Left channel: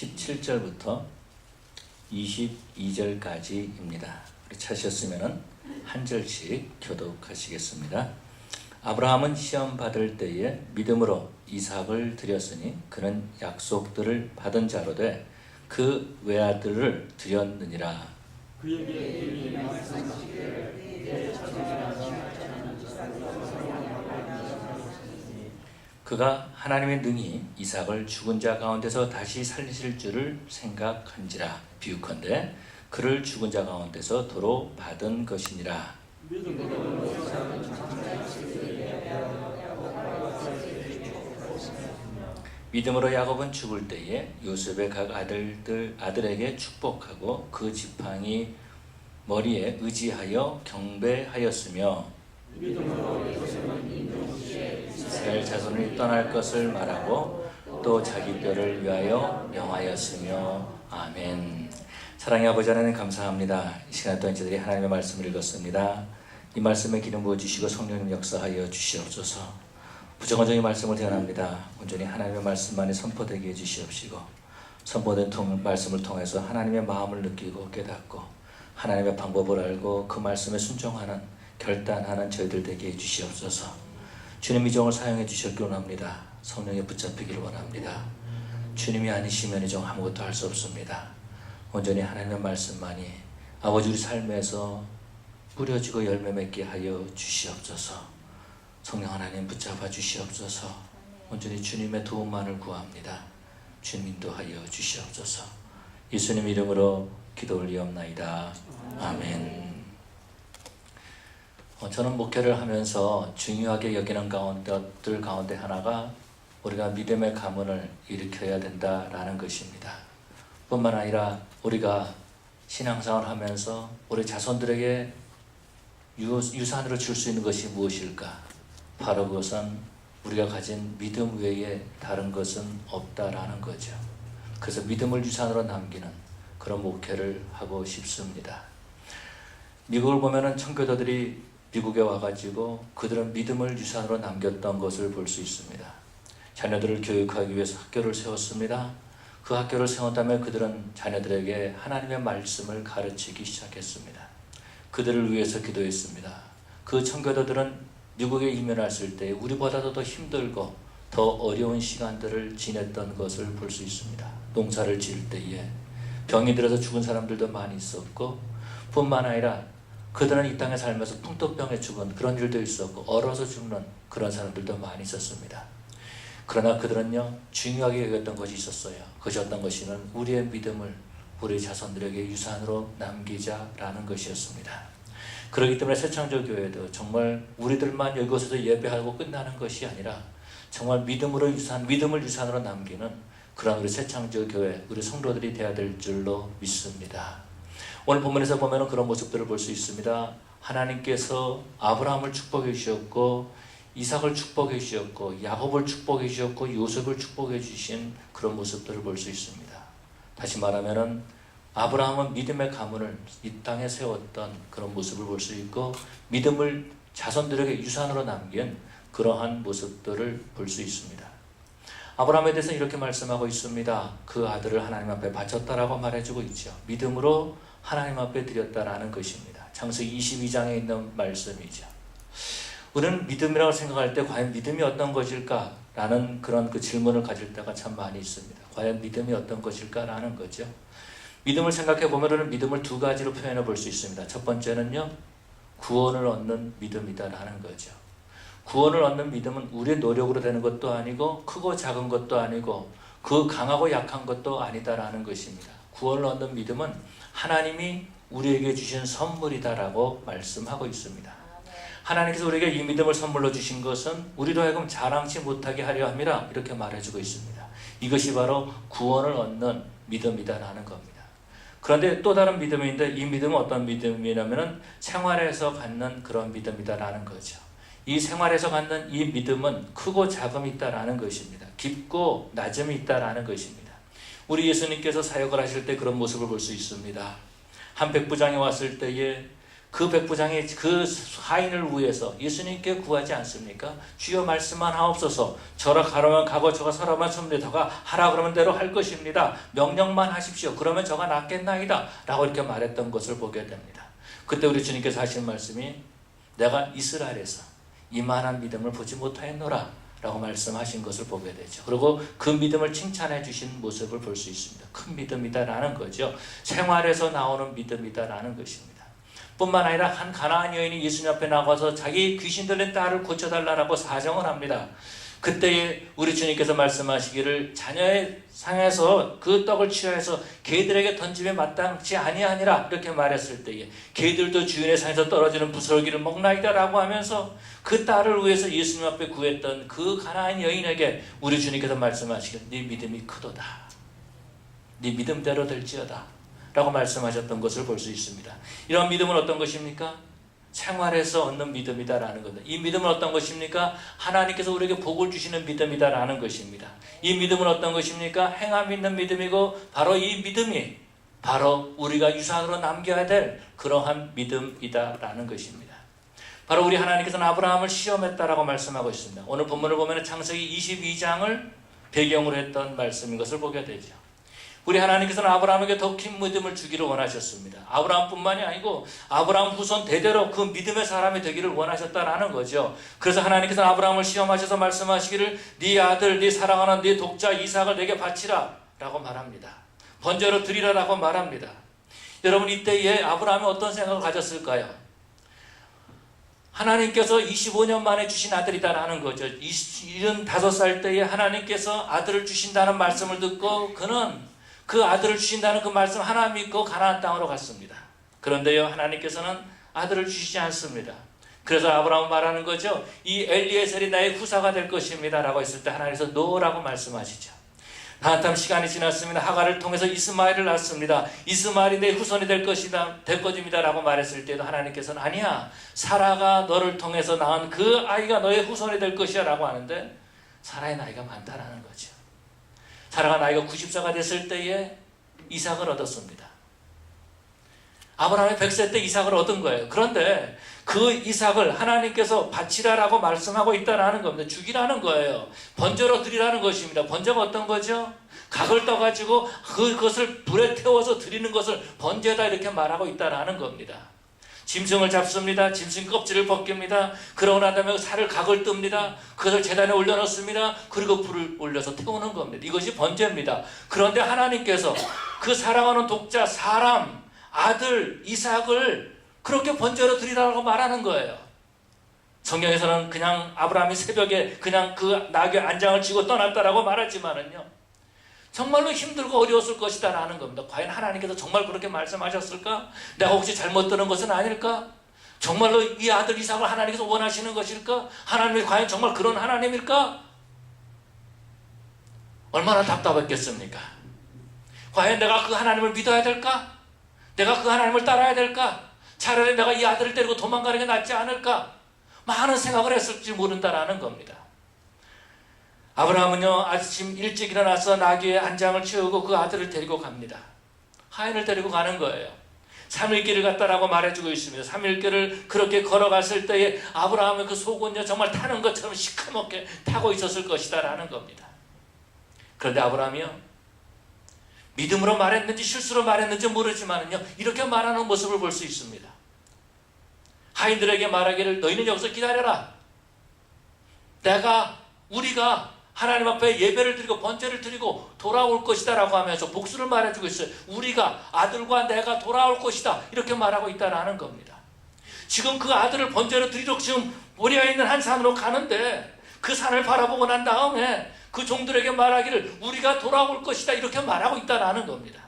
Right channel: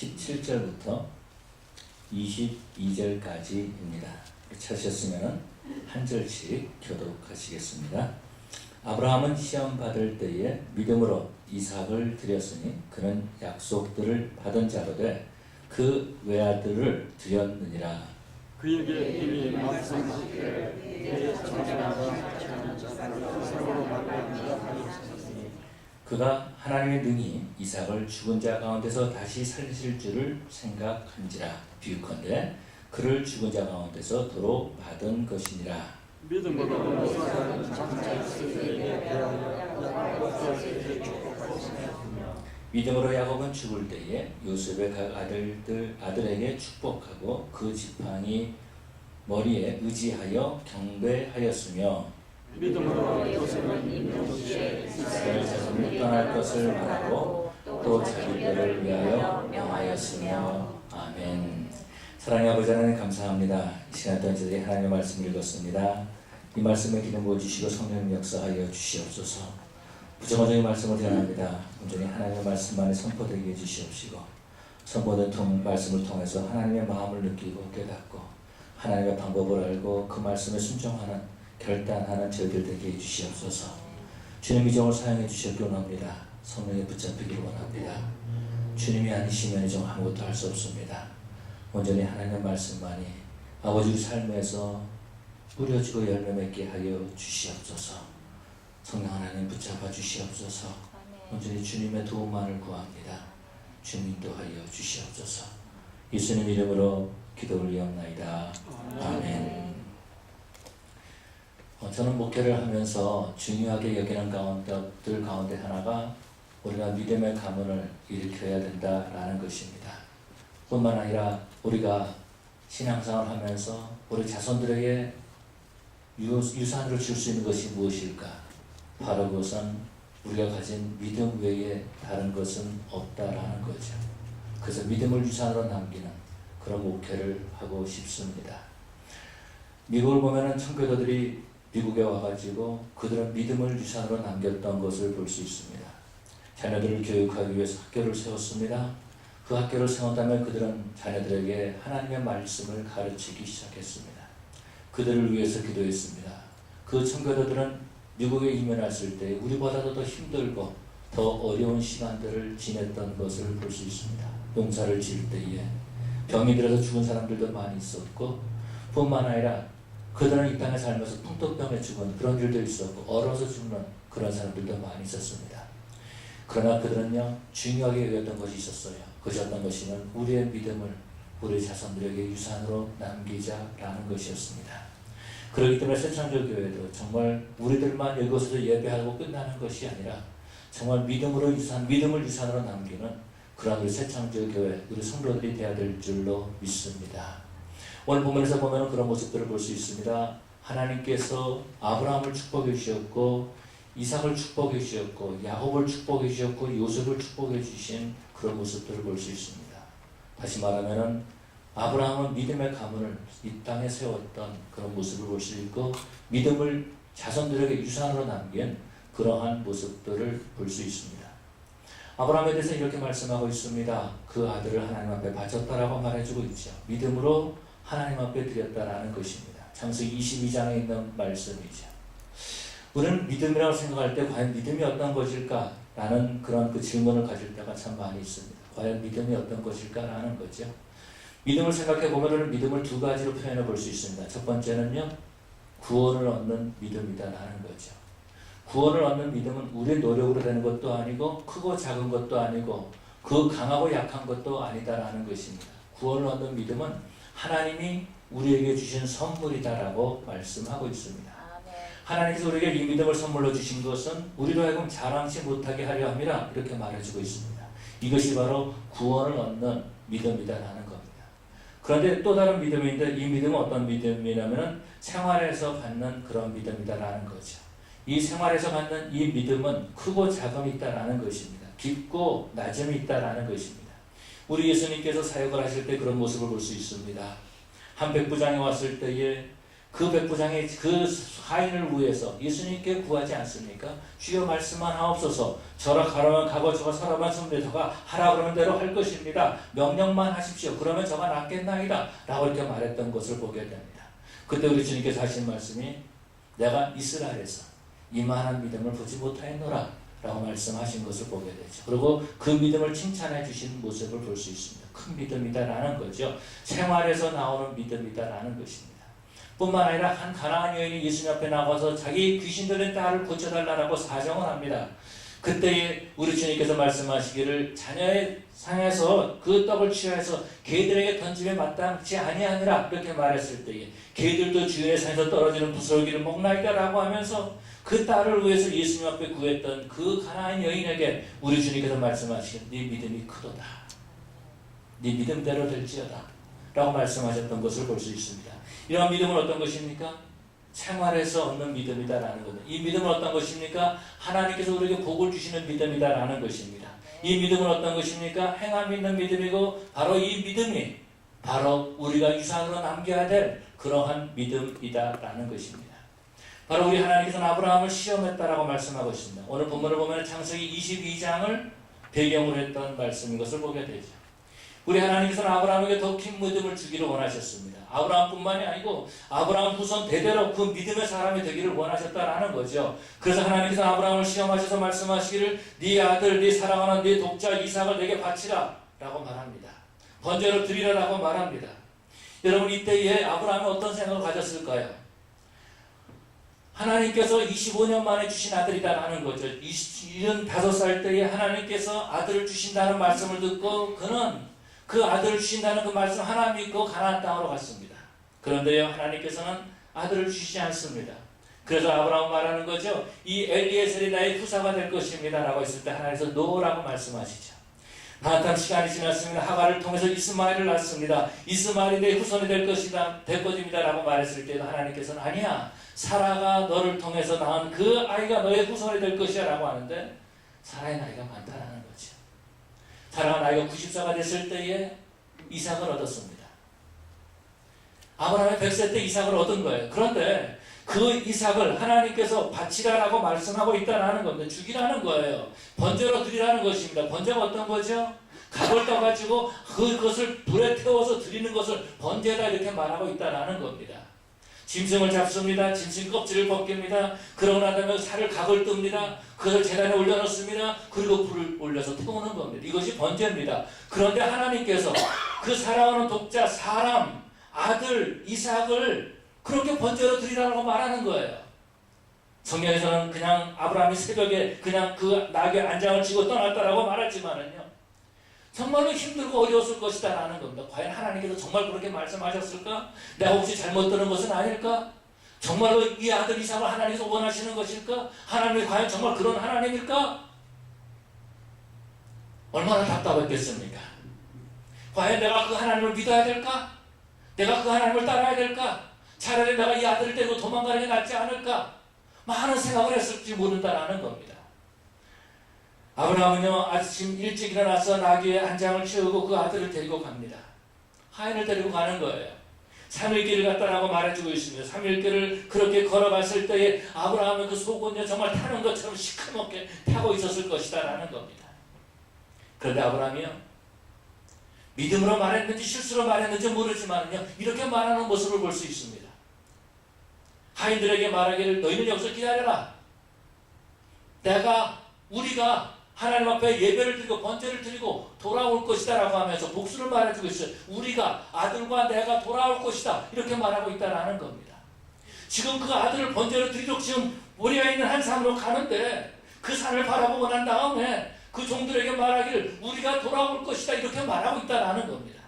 17절부터 22절까지입니다. 찾으셨으면 한 절씩 교독하시겠습니다. 아브라함은 시험 받을 때에 믿음으로 이삭을 드렸으니 그는 약속들을 받은 자로 돼 그 외아들을 드렸느니라. 그에게 이미 말씀하시기를 내 자손이라 그가 하나님의 능히 이삭을 죽은 자 가운데서 다시 살리실 줄을 생각한지라. 비유컨대 그를 죽은 자 가운데서 도로 받은 것이니라. 믿음으로 믿음으로 야곱은 죽을 때에 요셉의 각 아들에게 축복하고 그 지팡이 머리에 의지하여 경배하였으며 믿음으로 요셉은 임종시에 이스라엘 자손이 떠날 것을 말하고 또 자기 뼈를 위하여 명하였으며. 아멘. 사랑의 아버지 하나님 감사합니다. 이 시간 동안 저희들이 하나님의 말씀을 읽었습니다. 이 말씀에 기름 부어주시고 성령님 역사하여 주시옵소서. 부정언적인 말씀을 대언합니다. 온전히 하나님의 말씀만이 선포되게 해주시옵시고 선포된 말씀을 통해서 하나님의 마음을 느끼고 깨닫고 하나님의 방법을 알고 그 말씀에 순종하는 결단하는 저희들 되게 해주시옵소서. 주님 이 종을 사용해 주셨기 원합니다. 성령에 붙잡히기를 원합니다. 주님이 아니시면 이 종 아무것도 할 수 없습니다. 온전히 하나님의 말씀만이 아버지 우리 삶에서 뿌려지고 열매 맺게 하여 주시옵소서. 성령 하나님 붙잡아 주시옵소서. 온전히 주님의 도움만을 구합니다. 주님 인도하여 주시옵소서. 예수님 이름으로 기도 올리옵나이다. 아멘. 저는 목회를 하면서 중요하게 여기는 것들 가운데 하나가 우리가 믿음의 가문을 일으켜야 된다라는 것입니다. 뿐만 아니라 우리가 신앙생활을 하면서 우리 자손들에게 유산으로 줄 수 있는 것이 무엇일까? 바로 그것은 우리가 가진 믿음 외에 다른 것은 없다라는 거죠. 그래서 믿음을 유산으로 남기는 그런 목회를 하고 싶습니다. 미국을 보면은 청교도들이 미국에 와가지고 그들은 믿음을 유산으로 남겼던 것을 볼 수 있습니다. 자녀들을 교육하기 위해서 학교를 세웠습니다. 그 학교를 세웠다면 그들은 자녀들에게 하나님의 말씀을 가르치기 시작했습니다. 그들을 위해서 기도했습니다. 그 청교도들은 미국에 이민했을 때 우리보다도 더 힘들고 더 어려운 시간들을 지냈던 것을 볼 수 있습니다. 농사를 지을 때에 병이 들어서 죽은 사람들도 많이 있었고 뿐만 아니라 그들은 이 땅에 살면서 풍토병에 죽은 그런 일도 있었고 얼어서 죽는 그런 사람들도 많이 있었습니다. 그러나 그들은요 중요하게 여겼던 것이 있었어요. 그것이 어떤 것이면 우리의 믿음을 우리 자손들에게 유산으로 남기자라는 것이었습니다. 그렇기 때문에 새창조교회도 정말 우리들만 여기서 예배하고 끝나는 것이 아니라 정말 믿음을 유산으로 남기는 그런 우리 새창조교회 우리 성도들이 되어야 될 줄로 믿습니다. 오늘 본문에서 보면 그런 모습들을 볼 수 있습니다. 하나님께서 아브라함을 축복해 주셨고 이삭을 축복해 주셨고 야곱을 축복해 주셨고 요셉을 축복해 주신 그런 모습들을 볼 수 있습니다. 다시 말하면 아브라함은 믿음의 가문을 이 땅에 세웠던 그런 모습을 볼 수 있고 믿음을 자손들에게 유산으로 남긴 그러한 모습들을 볼 수 있습니다. 아브라함에 대해서 이렇게 말씀하고 있습니다. 그 아들을 하나님 앞에 바쳤다라고 말해주고 있죠. 믿음으로 하나님 앞에 드렸다라는 것입니다. 창세기 22장에 있는 말씀이죠. 우리는 믿음이라고 생각할 때 과연 믿음이 어떤 것일까라는 그런 그 질문을 가질 때가 참 많이 있습니다. 과연 믿음이 어떤 것일까라는 거죠. 믿음을 생각해 보면 믿음을 두 가지로 표현해 볼 수 있습니다. 첫 번째는요, 구원을 얻는 믿음이다라는 거죠. 구원을 얻는 믿음은 우리의 노력으로 되는 것도 아니고 크고 작은 것도 아니고 그 강하고 약한 것도 아니다라는 것입니다. 구원을 얻는 믿음은 하나님이 우리에게 주신 선물이다라고 말씀하고 있습니다. 하나님께서 우리에게 이 믿음을 선물로 주신 것은 우리로 하여금 자랑치 못하게 하려 함이라 이렇게 말해주고 있습니다. 이것이 바로 구원을 얻는 믿음이다라는 겁니다. 그런데 또 다른 믿음인데 이 믿음은 어떤 믿음이냐면 생활에서 갖는 그런 믿음이다라는 거죠. 이 생활에서 갖는 이 믿음은 크고 작음이 있다라는 것입니다. 깊고 낮음이 있다라는 것입니다. 우리 예수님께서 사역을 하실 때 그런 모습을 볼 수 있습니다. 한 백부장이 왔을 때에 그 백부장이 그 하인을 위해서 예수님께 구하지 않습니까? 주여 말씀만 하옵소서. 저라 가라면 가고 저가 서라면 섭니다. 저가 하라 그러면 대로 할 것입니다. 명령만 하십시오. 그러면 저가 낫겠나이다 라고 이렇게 말했던 것을 보게 됩니다. 그때 우리 주님께서 하신 말씀이 내가 이스라엘에서 이만한 믿음을 보지 못하였노라 라고 말씀하신 것을 보게 되죠. 그리고 그 믿음을 칭찬해 주신 모습을 볼 수 있습니다. 큰 믿음이다 라는 거죠. 생활에서 나오는 믿음이다 라는 것입니다. 뿐만 아니라 한 가나안 여인이 예수님 앞에 나가서 자기 귀신 들린 딸을 고쳐달라고 사정을 합니다. 그때 우리 주님께서 말씀하시기를 자녀의 상에서 그 떡을 취하여서 개들에게 던짐에 마땅치 아니하니라 이렇게 말했을 때에 개들도 주인의 상에서 떨어지는 부스러기를 먹나이다 라고 하면서 그 딸을 위해서 예수님 앞에 구했던 그 가나안 여인에게 우리 주님께서 말씀하시기를 네 믿음이 크도다. 네 믿음대로 될지어다 라고 말씀하셨던 것을 볼 수 있습니다. 이런 믿음은 어떤 것입니까? 생활에서 얻는 믿음이다라는 겁니다. 이 믿음은 어떤 것입니까? 하나님께서 우리에게 복을 주시는 믿음이다라는 것입니다. 이 믿음은 어떤 것입니까? 행함 있는 믿음이고 바로 이 믿음이 바로 우리가 유산으로 남겨야 될 그러한 믿음이다라는 것입니다. 바로 우리 하나님께서는 아브라함을 시험했다라고 말씀하고 있습니다. 오늘 본문을 보면 창세기 22장을 배경으로 했던 말씀인 것을 보게 되죠. 우리 하나님께서는 아브라함에게 더 큰 믿음을 주기를 원하셨습니다. 아브라함뿐만이 아니고 아브라함 후손 대대로 그 믿음의 사람이 되기를 원하셨다라는 거죠. 그래서 하나님께서는 아브라함을 시험하셔서 말씀하시기를 네 아들, 네 사랑하는 네 독자 이삭을 내게 바치라 라고 말합니다. 번제로 드리라라고 말합니다. 여러분 이때에 아브라함이 어떤 생각을 가졌을까요? 하나님께서 25년 만에 주신 아들이다라는 거죠. 75살 때에 하나님께서 아들을 주신다는 말씀을 듣고 그는 그 아들을 주신다는 그 말씀 하나 믿고 가나안 땅으로 갔습니다. 그런데요 하나님께서는 아들을 주시지 않습니다. 그래서 아브라함은 말하는 거죠. 이 엘리에셀이 나의 후사가 될 것입니다 라고 했을 때 하나님께서 노라고 말씀하시죠. 한참 시간이 지났습니다. 하갈을 통해서 이스마엘을 낳습니다. 이스마엘이 내 후손이 될 것입니다 라고 말했을 때도 하나님께서는 아니야, 사라가 너를 통해서 낳은 그 아이가 너의 후손이 될 것이야 라고 하는데 사라의 나이가 많다라는 거죠. 사라가 나이가 90세가 됐을 때에 이삭을 얻었습니다. 아브라함이 100세 때 이삭을 얻은 거예요. 그런데 그 이삭을 하나님께서 바치라라고 말씀하고 있다는 겁니다. 죽이라는 거예요. 번제로 드리라는 것입니다. 번제가 어떤 거죠? 각을 떠가지고 그것을 불에 태워서 드리는 것을 번제다 이렇게 말하고 있다는 겁니다. 짐승을 잡습니다. 짐승 껍질을 벗깁니다. 그러고 난 다음에 살을 각을 뜹니다. 그것을 제단에 올려놓습니다. 그리고 불을 올려서 태우는 겁니다. 이것이 번제입니다. 그런데 하나님께서 그 사랑하는 독자 사람 아들 이삭을 그렇게 번제로 드리라고 말하는 거예요. 성경에서는 그냥 아브라함이 새벽에 그냥 그 나귀 안장을 쥐고 떠났다라고 말하지만은요 정말로 힘들고 어려웠을 것이다 라는 겁니다. 과연 하나님께서 정말 그렇게 말씀하셨을까? 내가 혹시 잘못 들은 것은 아닐까? 정말로 이 아들 이삭을 하나님께서 원하시는 것일까? 하나님이 과연 정말 그런 하나님일까? 얼마나 답답했겠습니까? 과연 내가 그 하나님을 믿어야 될까? 내가 그 하나님을 따라야 될까? 차라리 내가 이 아들을 데리고 도망가는 게 낫지 않을까? 많은 생각을 했을지 모른다라는 겁니다. 아브라함은요 아침 일찍 일어나서 나귀의 안장을 채우고 그 아들을 데리고 갑니다. 하인을 데리고 가는 거예요. 3일 길을 갔다라고 말해주고 있습니다. 3일 길을 그렇게 걸어갔을 때에 아브라함의 그 속은요 정말 타는 것처럼 시커멓게 타고 있었을 것이다 라는 겁니다. 그런데 아브라함이요 믿음으로 말했는지 실수로 말했는지 모르지만요 이렇게 말하는 모습을 볼 수 있습니다. 하인들에게 말하기를 너희는 여기서 기다려라. 우리가 하나님 앞에 예배를 드리고 번제를 드리고 돌아올 것이다 라고 하면서 복수를 말해주고 있어요. 우리가 아들과 내가 돌아올 것이다 이렇게 말하고 있다라는 겁니다. 지금 그 아들을 번제로 드리러 지금 모리아에 있는 한 산으로 가는데 그 산을 바라보고 난 다음에 그 종들에게 말하기를 우리가 돌아올 것이다 이렇게 말하고 있다라는 겁니다.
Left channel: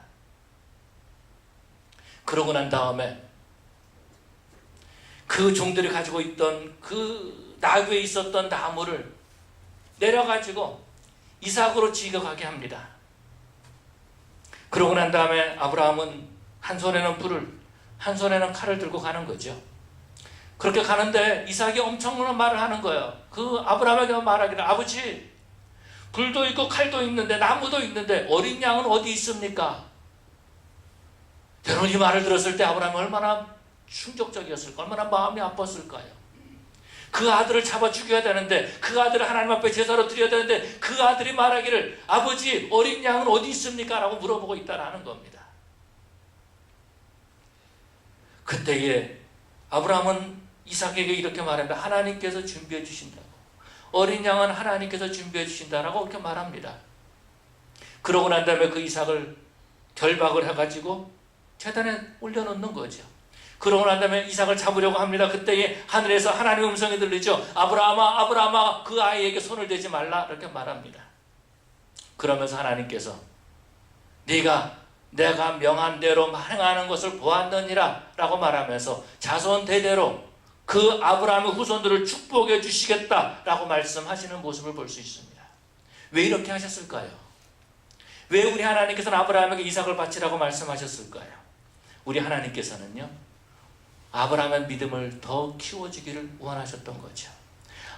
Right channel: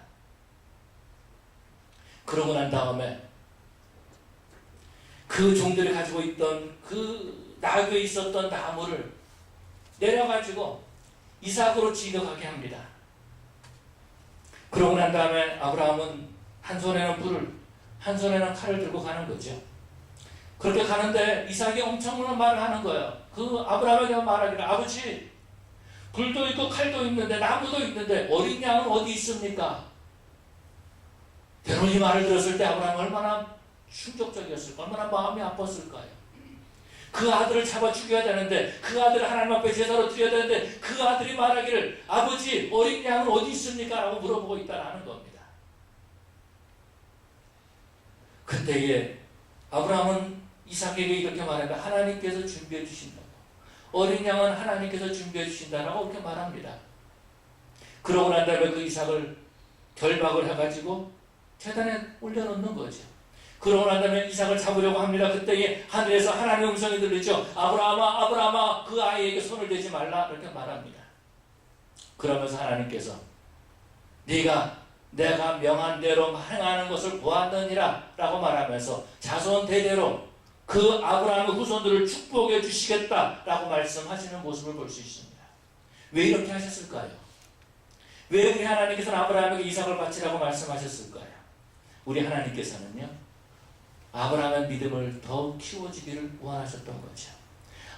그러고 난 다음에 그 종들이 가지고 있던 그 나귀에 있었던 나무를 내려가지고 이삭으로 지어가게 합니다. 그러고 난 다음에 아브라함은 한 손에는 불을 한 손에는 칼을 들고 가는 거죠. 그렇게 가는데 이삭이 엄청난 말을 하는 거예요. 그 아브라함에게 말하기를 아버지 불도 있고 칼도 있는데 나무도 있는데 어린 양은 어디 있습니까? 여러분 이 말을 들었을 때 아브라함은 얼마나 충격적이었을까? 얼마나 마음이 아팠을까요? 그 아들을 잡아 죽여야 되는데, 그 아들을 하나님 앞에 제사로 드려야 되는데, 그 아들이 말하기를 아버지 어린 양은 어디 있습니까? 라고 물어보고 있다라는 겁니다. 그때에 아브라함은 이삭에게 이렇게 말합니다. 하나님께서 준비해 주신다고. 어린 양은 하나님께서 준비해 주신다라고 이렇게 말합니다. 그러고 난 다음에 그 이삭을 결박을 해가지고 제단에 올려놓는 거죠. 그러고 난 다음에 이삭을 잡으려고 합니다. 그때에 하늘에서 하나님의 음성이 들리죠. 아브라함아, 아브라함아, 그 아이에게 손을 대지 말라, 이렇게 말합니다. 그러면서 하나님께서 내가 명한 대로 행하는 것을 보았느니라 라고 말하면서 자손 대대로 그 아브라함의 후손들을 축복해 주시겠다라고 말씀하시는 모습을 볼 수 있습니다. 왜 이렇게 하셨을까요? 왜 우리 하나님께서는 아브라함에게 이삭을 바치라고 말씀하셨을까요? 우리 하나님께서는요, 아브라함의 믿음을 더 키워주기를 원하셨던 거죠.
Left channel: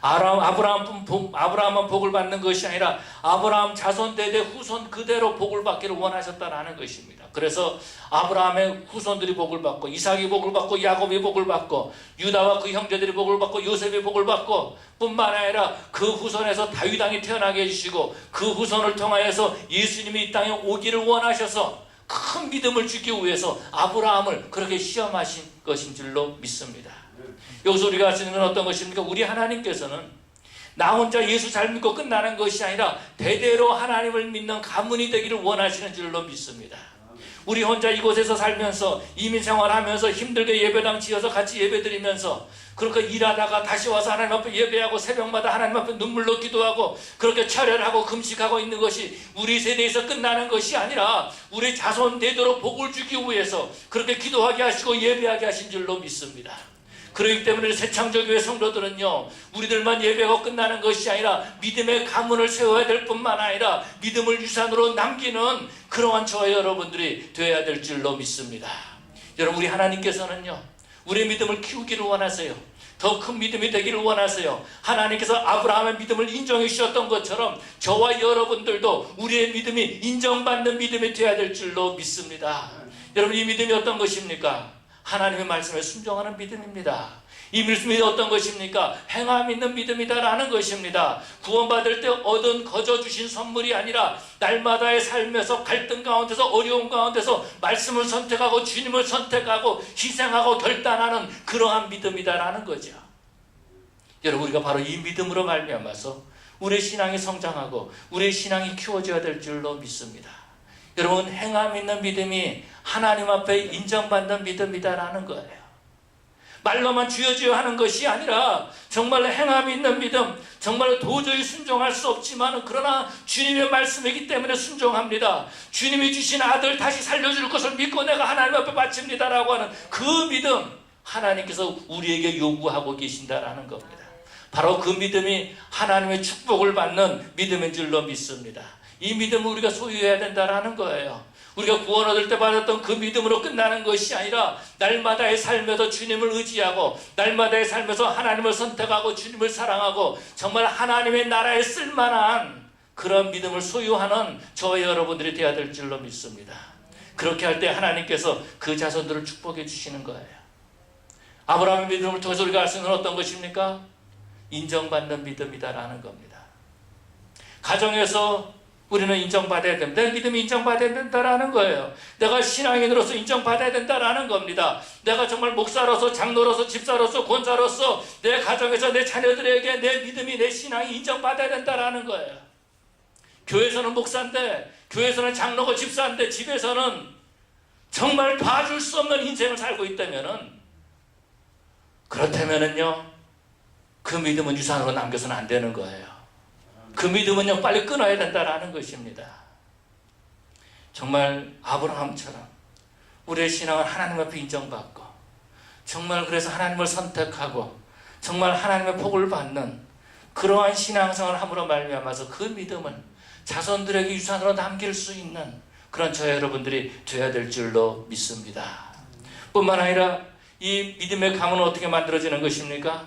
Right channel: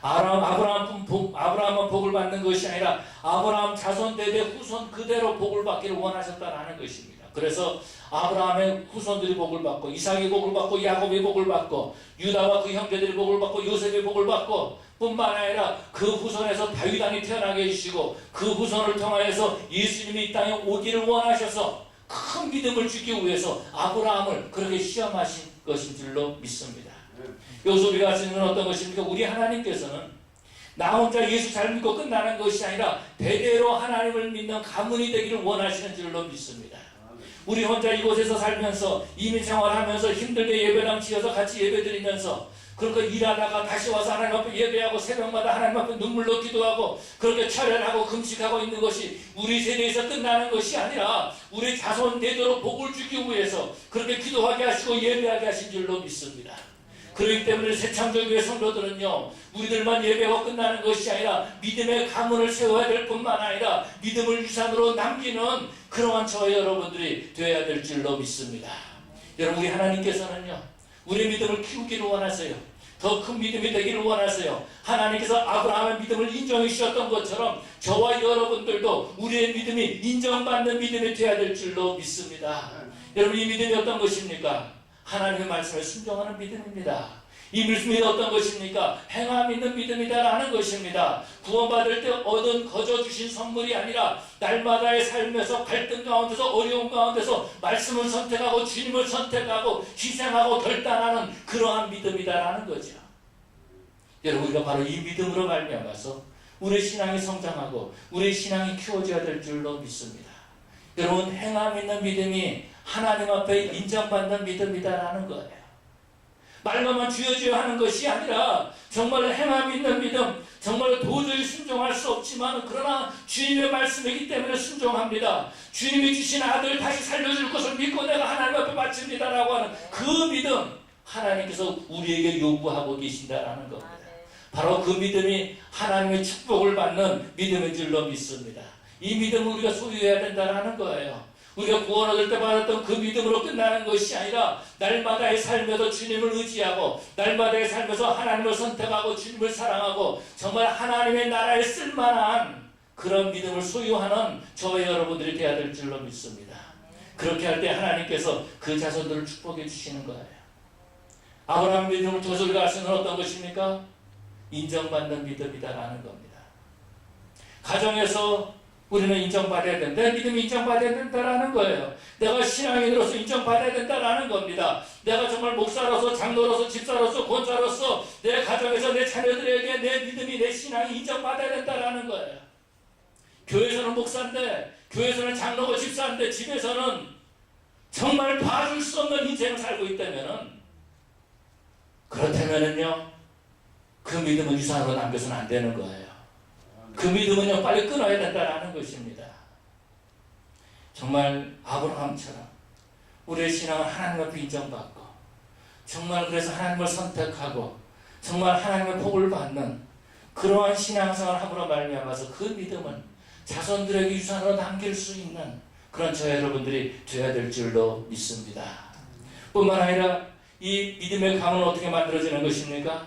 아브라함은 복을 받는 것이 아니라 아브라함 자손 대대 후손 그대로 복을 받기를 원하셨다라는 것입니다. 그래서 아브라함의 후손들이 복을 받고, 이삭이 복을 받고, 야곱이 복을 받고, 유다와 그 형제들이 복을 받고, 요셉이 복을 받고, 뿐만 아니라 그 후손에서 다윗 왕이 태어나게 해주시고, 그 후손을 통하여서 예수님이 이 땅에 오기를 원하셔서 큰 믿음을 주기 위해서 아브라함을 그렇게 시험하신 것인 줄로 믿습니다. 여기서 우리가 할 수 있는 어떤 것입니까? 우리 하나님께서는 나 혼자 예수 잘 믿고 끝나는 것이 아니라 대대로 하나님을 믿는 가문이 되기를 원하시는 줄로 믿습니다. 우리 혼자 이곳에서 살면서 이민 생활하면서 힘들게 예배당 지어서 같이 예배드리면서 그렇게 일하다가 다시 와서 하나님 앞에 예배하고 새벽마다 하나님 앞에 눈물로 기도하고 그렇게 철회하고 금식하고 있는 것이 우리 세대에서 끝나는 것이 아니라 우리 자손 대대로 복을 주기 위해서 그렇게 기도하게 하시고 예배하게 하신 줄로 믿습니다. 그렇기 때문에 새창조교회 성도들은요, 우리들만 예배가 끝나는 것이 아니라 믿음의 가문을 세워야 될 뿐만 아니라 믿음을 유산으로 남기는 그러한 저와 여러분들이 되어야 될 줄로 믿습니다. 여러분, 우리 하나님께서는요, 우리의 믿음을 키우기를 원하세요. 더 큰 믿음이 되기를 원하세요. 하나님께서 아브라함의 믿음을 인정해 주셨던 것처럼 저와 여러분들도 우리의 믿음이 인정받는 믿음이 되어야 될 줄로 믿습니다. 여러분, 이 믿음이 어떤 것입니까? 하나님의 말씀에 순종하는 믿음입니다. 이 믿음이 어떤 것입니까? 행함 있는 믿음이다라는 것입니다. 구원받을 때 얻은 거저 주신 선물이 아니라 날마다의 삶에서 갈등 가운데서 어려움 가운데서 말씀을 선택하고 주님을 선택하고 희생하고 결단하는 그러한 믿음이다라는 거죠. 여러분, 우리가 바로 이 믿음으로 말미암아서 우리의 신앙이 성장하고 우리의 신앙이 키워져야 될 줄로 믿습니다. 여러분, 행함 있는 믿음이 하나님 앞에 인정받는 믿음이다라는 거예요. 말로만 주여 하는 것이 아니라 정말 행함 있는 믿음, 정말 도저히 순종할 수 없지만 그러나 주님의 말씀이기 때문에 순종합니다. 주님이 주신 아들 다시 살려줄 것을 믿고 내가 하나님 앞에 바칩니다라고 하는 그 믿음, 하나님께서 우리에게 요구하고 계신다라는 겁니다. 바로 그 믿음이 하나님의 축복을 받는 믿음인 줄로 믿습니다. 이 믿음을 우리가 소유해야 된다는 거예요. 우리가 구원 얻을 때 받았던 그 믿음으로 끝나는 것이 아니라 날마다의 삶에서 주님을 의지하고 날마다의 삶에서 하나님을 선택하고 주님을 사랑하고 정말 하나님의 나라에 쓸만한 그런 믿음을 소유하는 저와 여러분들이 되어야 될 줄로 믿습니다. 그렇게 할 때 하나님께서 그 자손들을 축복해 주시는 거예요. 아브라함의 믿음을 통해서 우리가 알 수 있는 어떤 것입니까? 인정받는 믿음이다라는 겁니다. 가정에서 우리는 인정받아야 된다. 내 믿음이 인정받아야 된다라는 거예요. 내가 신앙인으로서 인정받아야 된다라는 겁니다. 내가 정말 목사로서 장로로서 집사로서 권사로서 내 가정에서 내 자녀들에게 내 믿음이 내 신앙이 인정받아야 된다라는 거예요. 교회에서는 목사인데, 교회에서는 장로고 집사인데 집에서는 정말 봐줄 수 없는 인생을 살고 있다면은, 그렇다면은요, 그 믿음은 유산으로 남겨서는 안 되는 거예요. 그 믿음은요, 빨리 끊어야 된다라는 것입니다. 정말 아브라함처럼 우리의 신앙은 하나님 앞에 인정받고 정말 그래서 하나님을 선택하고 정말 하나님의 복을 받는 그러한 신앙생활을 함으로 말미암아서 그 믿음을 자손들에게 유산으로 남길 수 있는 그런 저 여러분들이 되어야 될 줄로 믿습니다. 뿐만 아니라 이 믿음의 가문은 어떻게 만들어지는 것입니까?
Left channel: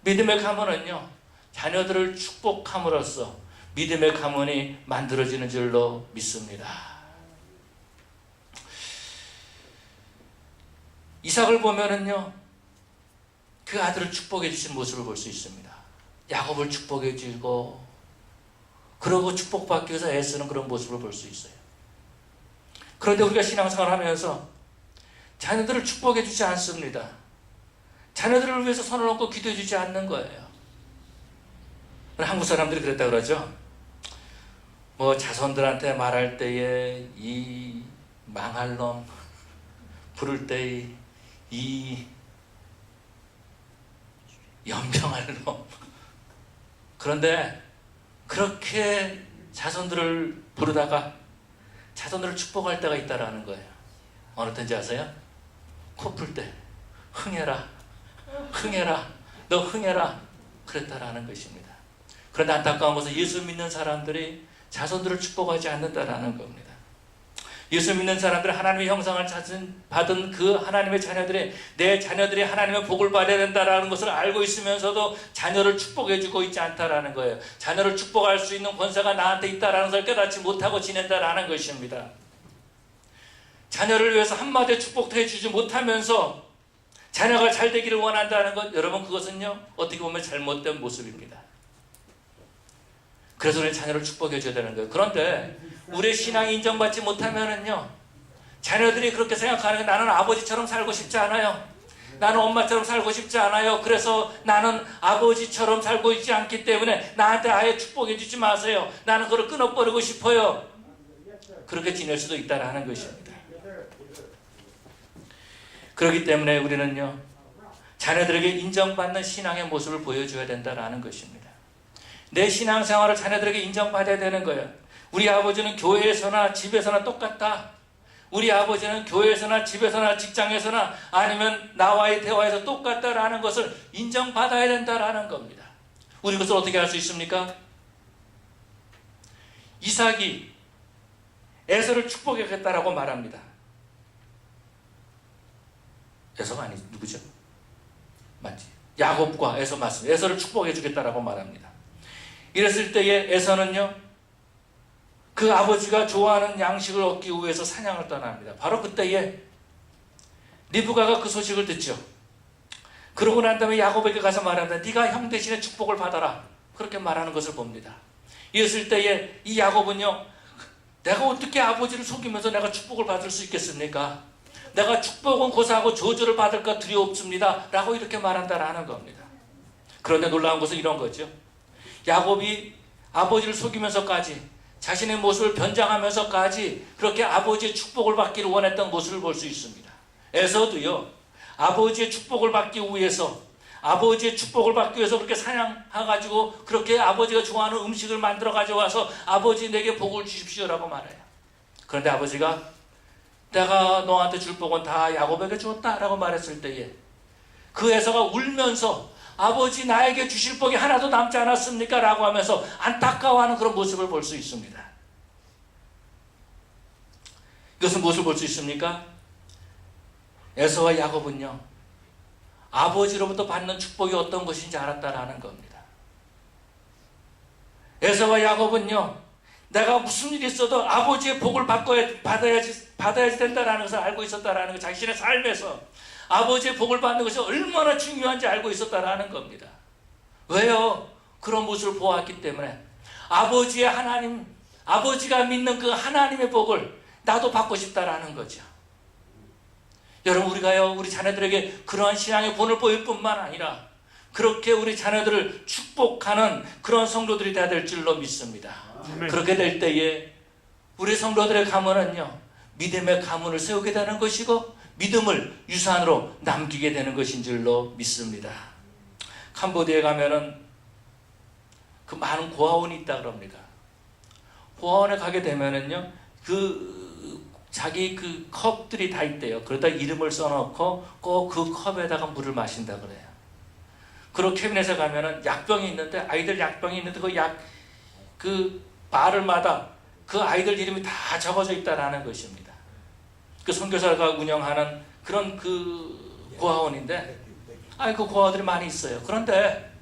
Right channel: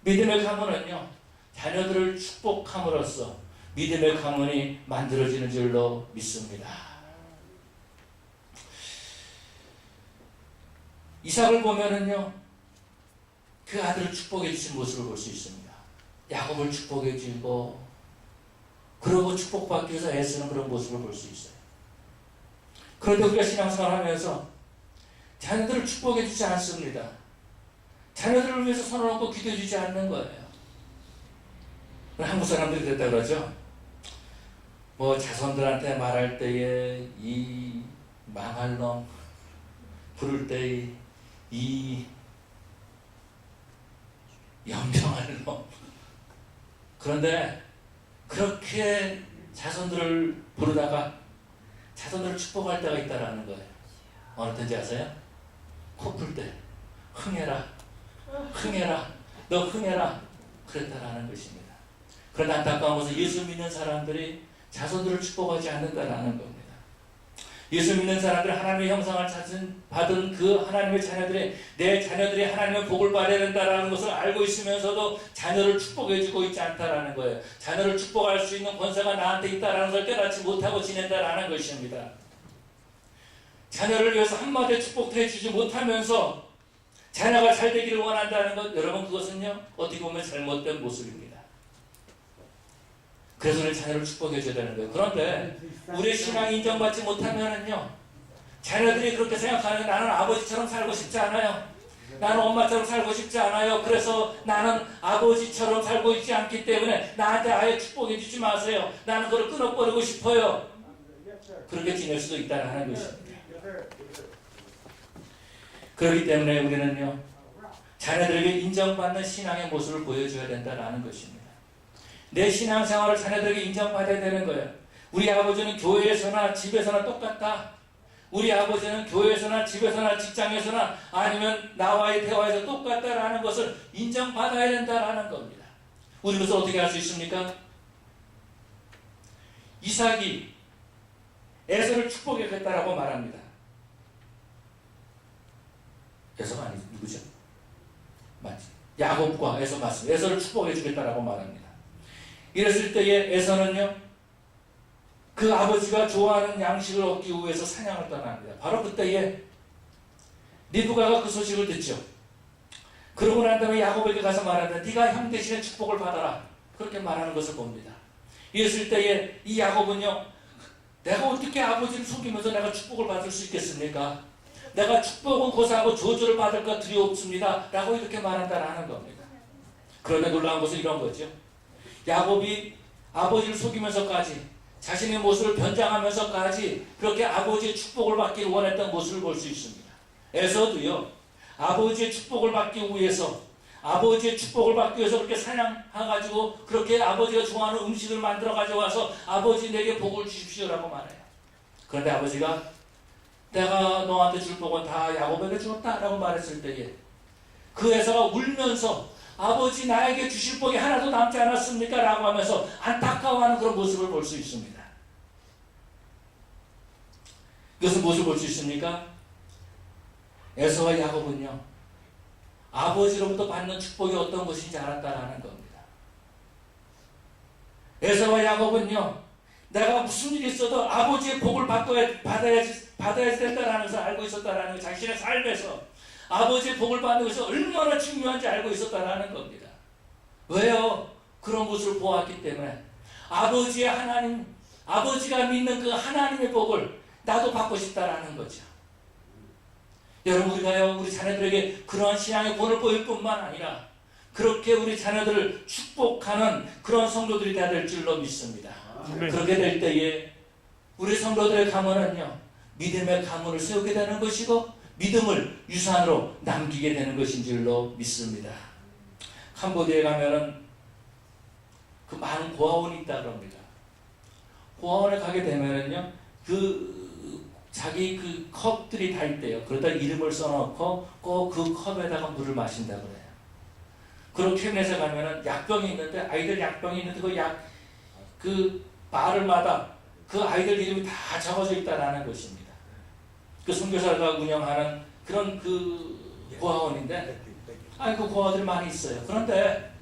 믿음의 가문은요, 자녀들을 축복함으로써 믿음의 가문이 만들어지는 줄로 믿습니다. 이삭을 보면은요, 그 아들을 축복해 주신 모습을 볼 수 있습니다. 야곱을 축복해 주고, 그러고 축복받기 위해서 애쓰는 그런 모습을 볼 수 있어요. 그런데 우리가 신앙생활 하면서 자녀들을 축복해 주지 않습니다. 자녀들을 위해서 손을 얹고 기도해 주지 않는 거예요. 한국 사람들이 그랬다 그러죠. 뭐 자손들한테 말할 때에 이 망할 놈, 부를 때에 이 연병할 놈. 그런데 그렇게 자손들을 부르다가 자손들을 축복할 때가 있다라는 거예요. 어느 때인지 아세요? 코 풀 때 흥해라, 흥해라, 너 흥해라 그랬다라는 것입니다. 그런데 안타까운 것은 예수 믿는 사람들이 자손들을 축복하지 않는다라는 겁니다. 예수 믿는 사람들은 하나님의 형상을 받은 그 하나님의 자녀들이 내 자녀들이 하나님의 복을 받아야 된다라는 것을 알고 있으면서도 자녀를 축복해주고 있지 않다라는 거예요. 자녀를 축복할 수 있는 권세가 나한테 있다라는 것을 깨닫지 못하고 지낸다라는 것입니다. 자녀를 위해서 한마디 축복도 해주지 못하면서 자녀가 잘 되기를 원한다는 것, 여러분 그것은요 어떻게 보면 잘못된 모습입니다. 그래서 우리는 자녀를 축복해 줘야 되는 거예요. 그런데 우리의 신앙이 인정받지 못하면은요, 자녀들이 그렇게 생각하는, 나는 아버지처럼 살고 싶지 않아요. 나는 엄마처럼 살고 싶지 않아요. 그래서 나는 아버지처럼 살고 있지 않기 때문에 나한테 아예 축복해 주지 마세요. 나는 그걸 끊어버리고 싶어요. 그렇게 지낼 수도 있다는 것입니다. 그렇기 때문에 우리는요, 자녀들에게 인정받는 신앙의 모습을 보여줘야 된다는 것입니다. 내 신앙생활을 자녀들에게 인정받아야 되는 거예요. 우리 아버지는 교회에서나 집에서나 똑같다. 우리 아버지는 교회에서나 집에서나 직장에서나 아니면 나와의 대화에서 똑같다라는 것을 인정받아야 된다라는 겁니다. 우리 그것을 어떻게 할 수 있습니까? 이삭이 에서를 축복하겠다라고 말합니다. 에서가 아니 누구죠? 맞지? 야곱과 에서 맞습니다. 에서를 축복해 주겠다라고 말합니다. 이랬을 때에 에서는요, 그 아버지가 좋아하는 양식을 얻기 위해서 사냥을 떠납니다. 바로 그때에 리브가가 그 소식을 듣죠. 그러고 난 다음에 야곱에게 가서 말합니다. 네가 형 대신에 축복을 받아라. 그렇게 말하는 것을 봅니다. 이랬을 때에 이 야곱은요, 내가 어떻게 아버지를 속이면서 내가 축복을 받을 수 있겠습니까? 내가 축복은 고사하고 저주를 받을까 두려웠습니다. 라고 이렇게 말한다라는 겁니다. 그런데 놀라운 것은 이런 거죠. 야곱이 아버지를 속이면서까지 자신의 모습을 변장하면서까지 그렇게 아버지의 축복을 받기를 원했던 모습을 볼 수 있습니다. 에서도요, 아버지의 축복을 받기 위해서 그렇게 사냥해가지고 그렇게 아버지가 좋아하는 음식을 만들어 가져와서 아버지 내게 복을 주십시오라고 말해요. 그런데 아버지가 내가 너한테 줄 복은 다 야곱에게 줬다라고 말했을 때에 그 에서가 울면서 아버지 나에게 주실 복이 하나도 남지 않았습니까? 라고 하면서 안타까워하는 그런 모습을 볼 수 있습니다. 이것은 무엇을 볼 수 있습니까? 에서와 야곱은요, 아버지로부터 받는 축복이 어떤 것인지 알았다라는 겁니다. 에서와 야곱은요, 내가 무슨 일이 있어도 아버지의 복을 받아야지 된다라는 것을 알고 있었다라는 것, 자신의 삶에서 아버지의 복을 받는 것이 얼마나 중요한지 알고 있었다라는 겁니다. 왜요? 그런 모습을 보았기 때문에 아버지가 믿는 그 하나님의 복을 나도 받고 싶다라는 거죠. 여러분, 우리가요, 우리 자녀들에게 그러한 신앙의 본을 보일 뿐만 아니라 그렇게 우리 자녀들을 축복하는 그런 성도들이 되어야 될 줄로 믿습니다. 그렇게 될 때에 우리 성도들의 가문은요, 믿음의 가문을 세우게 되는 것이고 믿음을 유산으로 남기게 되는 것인 줄로 믿습니다. 캄보디아에 가면은 그 많은 고아원이 있다 그럽니다. 고아원에 가게 되면은요, 자기 그 컵들이 다 있대요. 그러다 이름을 써놓고 꼭 그 컵에다가 물을 마신다 그래요. 그리고 캐비넷에 가면은 약병이 있는데, 아이들 약병이 있는데 그 바를마다 그 아이들 이름이 다 적어져 있다라는 것입니다. 그 선교사가 운영하는 그런 그 고아원인데, 그 고아들이 많이 있어요. 그런데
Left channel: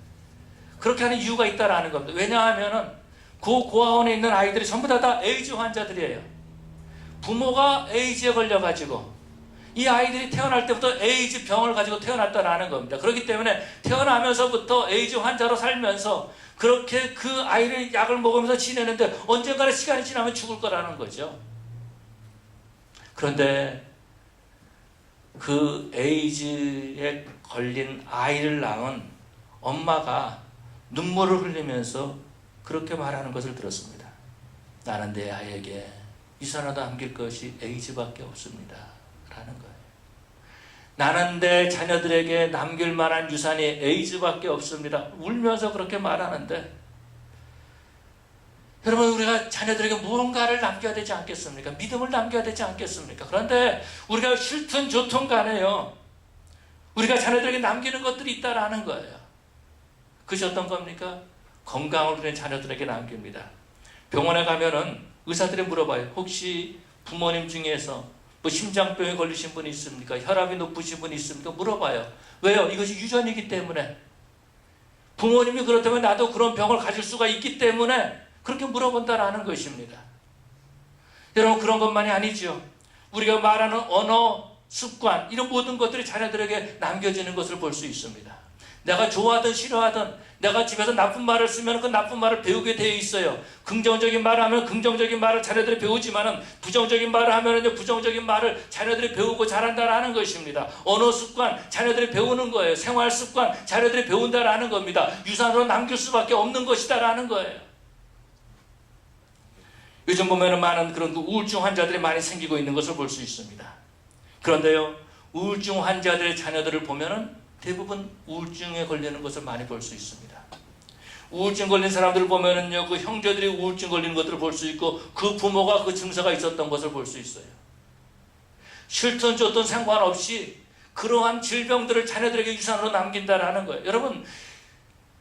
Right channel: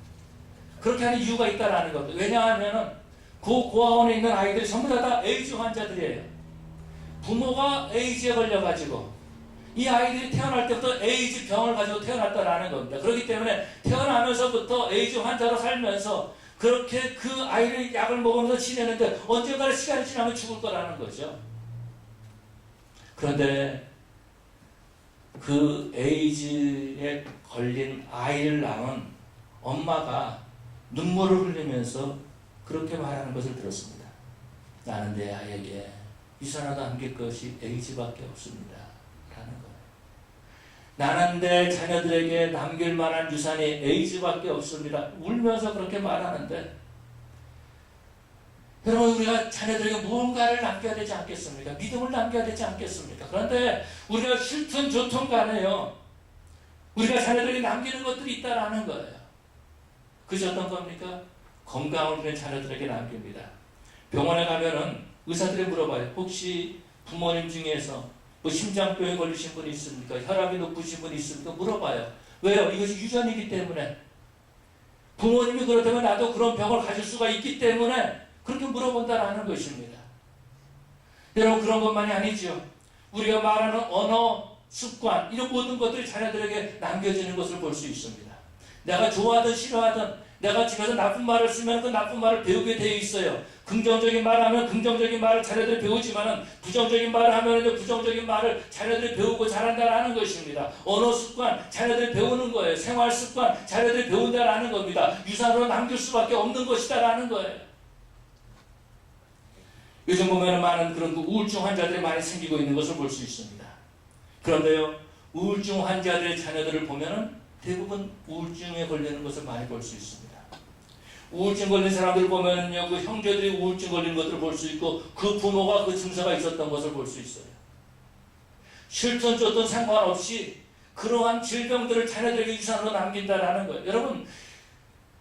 그렇게 하는 이유가 있다라는 겁니다. 왜냐하면은 그 고아원에 있는 아이들이 전부 다 에이즈 환자들이에요. 부모가 에이즈에 걸려가지고 이 아이들이 태어날 때부터 에이즈 병을 가지고 태어났다라는 겁니다. 그렇기 때문에 태어나면서부터 에이즈 환자로 살면서 그렇게 그 아이를 약을 먹으면서 지내는데 언젠가는 시간이 지나면 죽을 거라는 거죠. 그런데 그 에이즈에 걸린 아이를 낳은 엄마가 눈물을 흘리면서 그렇게 말하는 것을 들었습니다. 나는 내 아이에게 유산으로 남길 것이 에이즈밖에 없습니다 라는 거예요. 나는 내 자녀들에게 남길 만한 유산이 에이즈밖에 없습니다. 울면서 그렇게 말하는데, 여러분, 우리가 자녀들에게 무언가를 남겨야 되지 않겠습니까? 믿음을 남겨야 되지 않겠습니까? 그런데 우리가 싫든 좋든 간에요, 우리가 자녀들에게 남기는 것들이 있다라는 거예요. 그것이 어떤 겁니까? 건강을 우리는 자녀들에게 남깁니다. 병원에 가면은 의사들이 물어봐요. 혹시 부모님 중에서 뭐 심장병에 걸리신 분이 있습니까? 혈압이 높으신 분이 있습니까? 물어봐요. 왜요? 이것이 유전이기 때문에. 부모님이 그렇다면 나도 그런 병을 가질 수가 있기 때문에 그렇게 물어본다라는 것입니다. 여러분, 그런 것만이 아니죠. 우리가 말하는 언어, 습관, 이런 모든 것들이 자녀들에게 남겨지는 것을 볼 수 있습니다. 내가 좋아하든 싫어하든 내가 집에서 나쁜 말을 쓰면 그 나쁜 말을 배우게 되어 있어요. 긍정적인 말을 하면 긍정적인 말을 자녀들이 배우지만은 부정적인 말을 하면 부정적인 말을 자녀들이 배우고 자란다라는 것입니다. 언어 습관, 자녀들이 배우는 거예요. 생활 습관, 자녀들이 배운다라는 겁니다. 유산으로 남길 수밖에 없는 것이다라는 거예요. 요즘 보면은 많은 그런 우울증 환자들이 많이 생기고 있는 것을 볼 수 있습니다. 그런데요, 우울증 환자들의 자녀들을 보면은 대부분 우울증에 걸리는 것을 많이 볼 수 있습니다. 우울증 걸린 사람들을 보면은요, 그 형제들이 우울증 걸리는 것들을 볼 수 있고, 그 부모가 그 증세가 있었던 것을 볼 수 있어요. 싫든 좋든 상관없이 그러한 질병들을 자녀들에게 유산으로 남긴다라는 거예요. 여러분,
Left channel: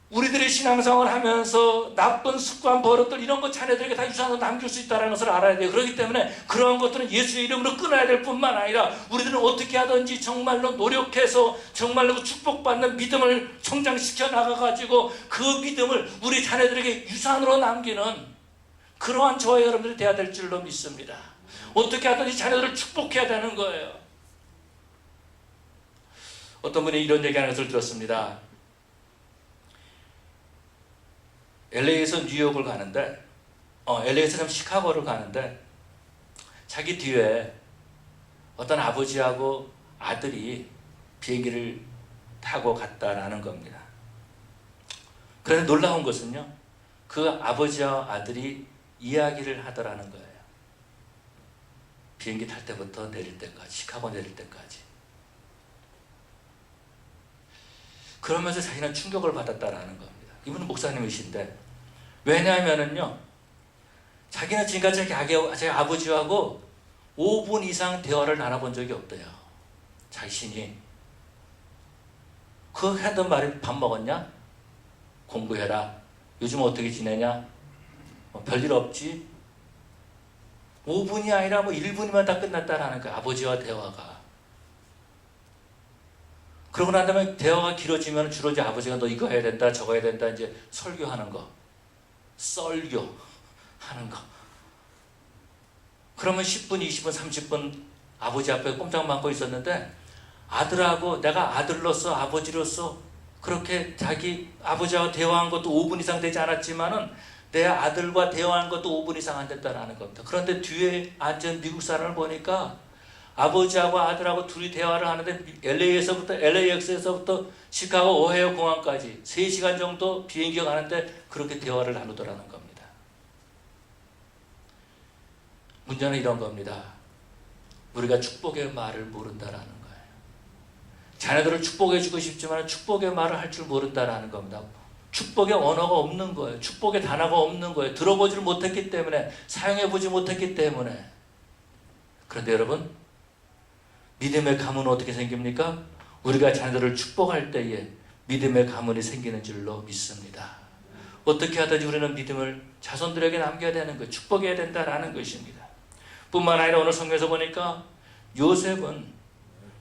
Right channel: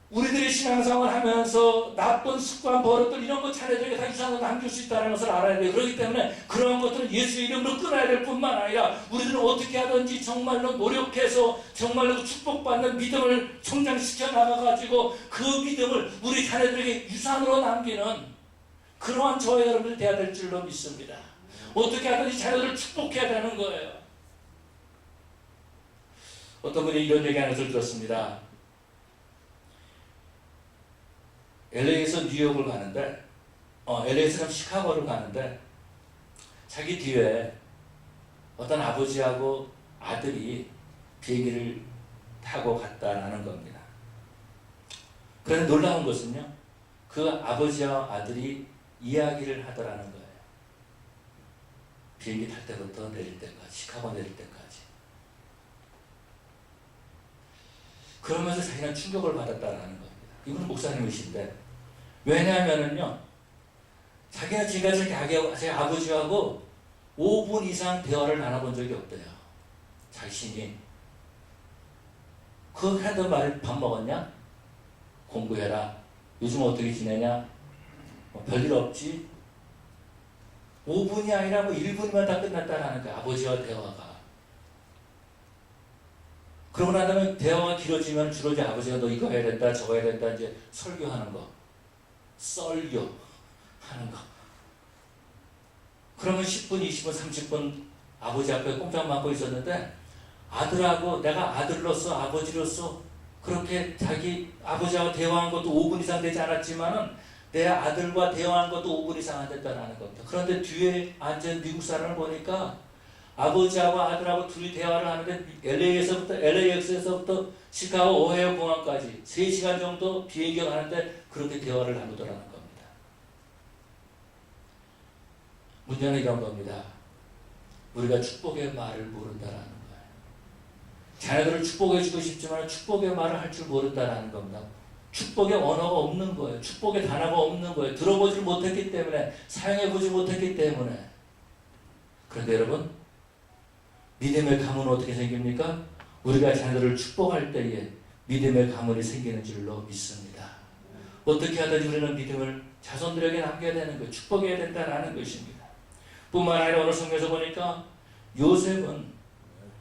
우리들이 신앙생활을 하면서 나쁜 습관, 버릇들 이런 것 자녀들에게 다 유산으로 남길 수 있다는 것을 알아야 돼요. 그렇기 때문에 그러한 것들은 예수의 이름으로 끊어야 될 뿐만 아니라 우리들은 어떻게 하든지 정말로 노력해서 정말로 축복받는 믿음을 성장시켜 나가가지고 그 믿음을 우리 자녀들에게 유산으로 남기는 그러한 저와 여러분들이 되어야 될 줄로 믿습니다. 어떻게 하든지 자녀들을 축복해야 되는 거예요. 어떤 분이 이런 얘기하는 것을 들었습니다. LA에서 뉴욕을 가는데, LA에서 시카고를 가는데, 자기 뒤에 어떤 아버지하고 아들이 비행기를 타고 갔다라는 겁니다. 그런데 놀라운 것은요, 그 아버지와 아들이 이야기를 하더라는 거예요. 비행기 탈 때부터 내릴 때까지, 시카고 내릴 때까지. 그러면서 자기는 충격을 받았다라는 겁니다. 이분은 목사님이신데, 왜냐하면은요, 자기는 지금까지 자기 아버지하고 5분 이상 대화를 나눠본 적이 없대요. 자신이. 그 하던 말이 밥 먹었냐? 공부해라. 요즘 어떻게 지내냐? 별일 없지? 5분이 아니라 1분이면 다 끝났다라는 거야. 아버지와 대화가. 그러고 난 다음에 대화가 길어지면 주로 이제 아버지가 너 이거 해야 된다, 저거 해야 된다, 이제 설교하는 거. 썰교하는 거. 그러면 10분, 20분, 30분 아버지 앞에 꼼짝 맞고 있었는데, 아들하고 내가 아들로서 아버지로서 그렇게 자기 아버지하고 대화한 것도 5분 이상 되지 않았지만은 내 아들과 대화한 것도 5분 이상 안 됐다는 겁니다. 그런데 뒤에 앉은 미국 사람을 보니까 아버지하고 아들하고 둘이 대화를 하는데 LAX에서부터 시카고 오하이오 공항까지 3시간 정도 비행기가 가는데 그렇게 대화를 나누더라는 겁니다. 문제는 이런 겁니다. 우리가 축복의 말을 모른다라는 거예요. 자녀들을 축복해주고 싶지만 축복의 말을 할 줄 모른다라는 겁니다. 축복의 언어가 없는 거예요. 축복의 단어가 없는 거예요. 들어보지를 못했기 때문에, 사용해보지 못했기 때문에. 그런데 여러분, 믿음의 가문은 어떻게 생깁니까? 우리가 자녀들을 축복할 때에 믿음의 가문이 생기는 줄로 믿습니다. 어떻게 하든지 우리는 믿음을 자손들에게 남겨야 되는 거예요. 축복해야 된다는 것입니다. 뿐만 아니라 오늘 성경에서 보니까 요셉은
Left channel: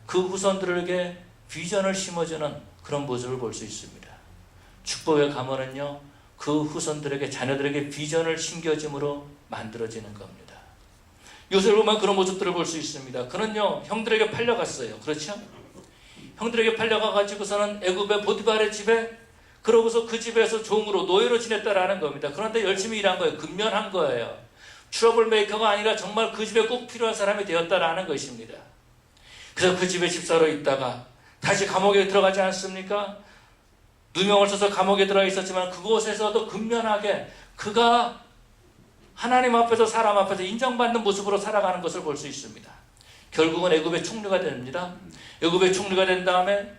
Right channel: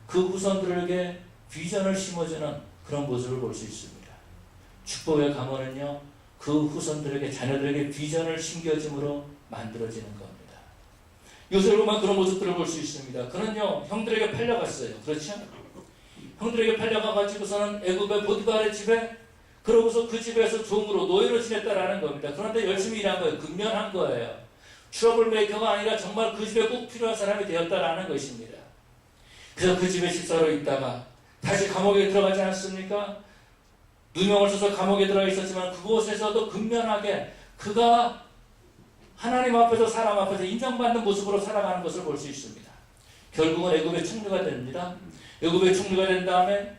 그 후손들에게 비전을 심어주는 그런 모습을 볼 수 있습니다. 축복의 가문은요, 그 후손들에게, 자녀들에게 비전을 심겨줌으로 만들어지는 겁니다. 요셉을 보면 그런 모습들을 볼 수 있습니다. 그는요 형들에게 팔려갔어요. 그렇죠? 형들에게 팔려가가지고서는 애굽의 보디발의 집에, 그러고서 그 집에서 종으로 노예로 지냈다라는 겁니다. 그런데 열심히 일한 거예요. 근면한 거예요. 트러블 메이커가 아니라 정말 그 집에 꼭 필요한 사람이 되었다라는 것입니다. 그래서 그 집에 집사로 있다가 다시 감옥에 들어가지 않습니까? 누명을 써서 감옥에 들어가 있었지만 그곳에서도 근면하게 그가 하나님 앞에서 사람 앞에서 인정받는 모습으로 살아가는 것을 볼 수 있습니다. 결국은 애굽의 총리가 됩니다. 애굽의 총리가 된 다음에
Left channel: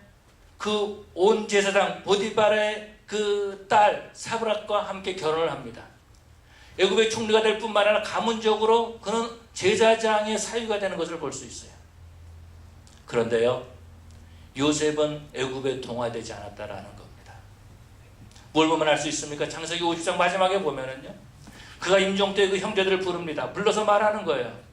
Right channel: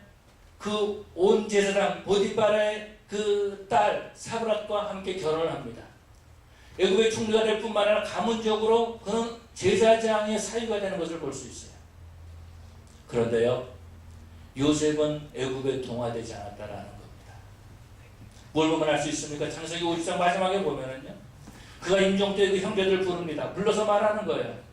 그 온 제사장 보디발의 그 딸 사브락과 함께 결혼을 합니다. 애굽의 총리가 될 뿐만 아니라 가문적으로 그는 제사장의 사위가 되는 것을 볼 수 있어요. 그런데요, 요셉은 애굽에 동화되지 않았다라는 겁니다. 뭘 보면 알 수 있습니까? 창세기 50장 마지막에 보면은요, 그가 임종 때 그 형제들을 부릅니다. 불러서 말하는 거예요.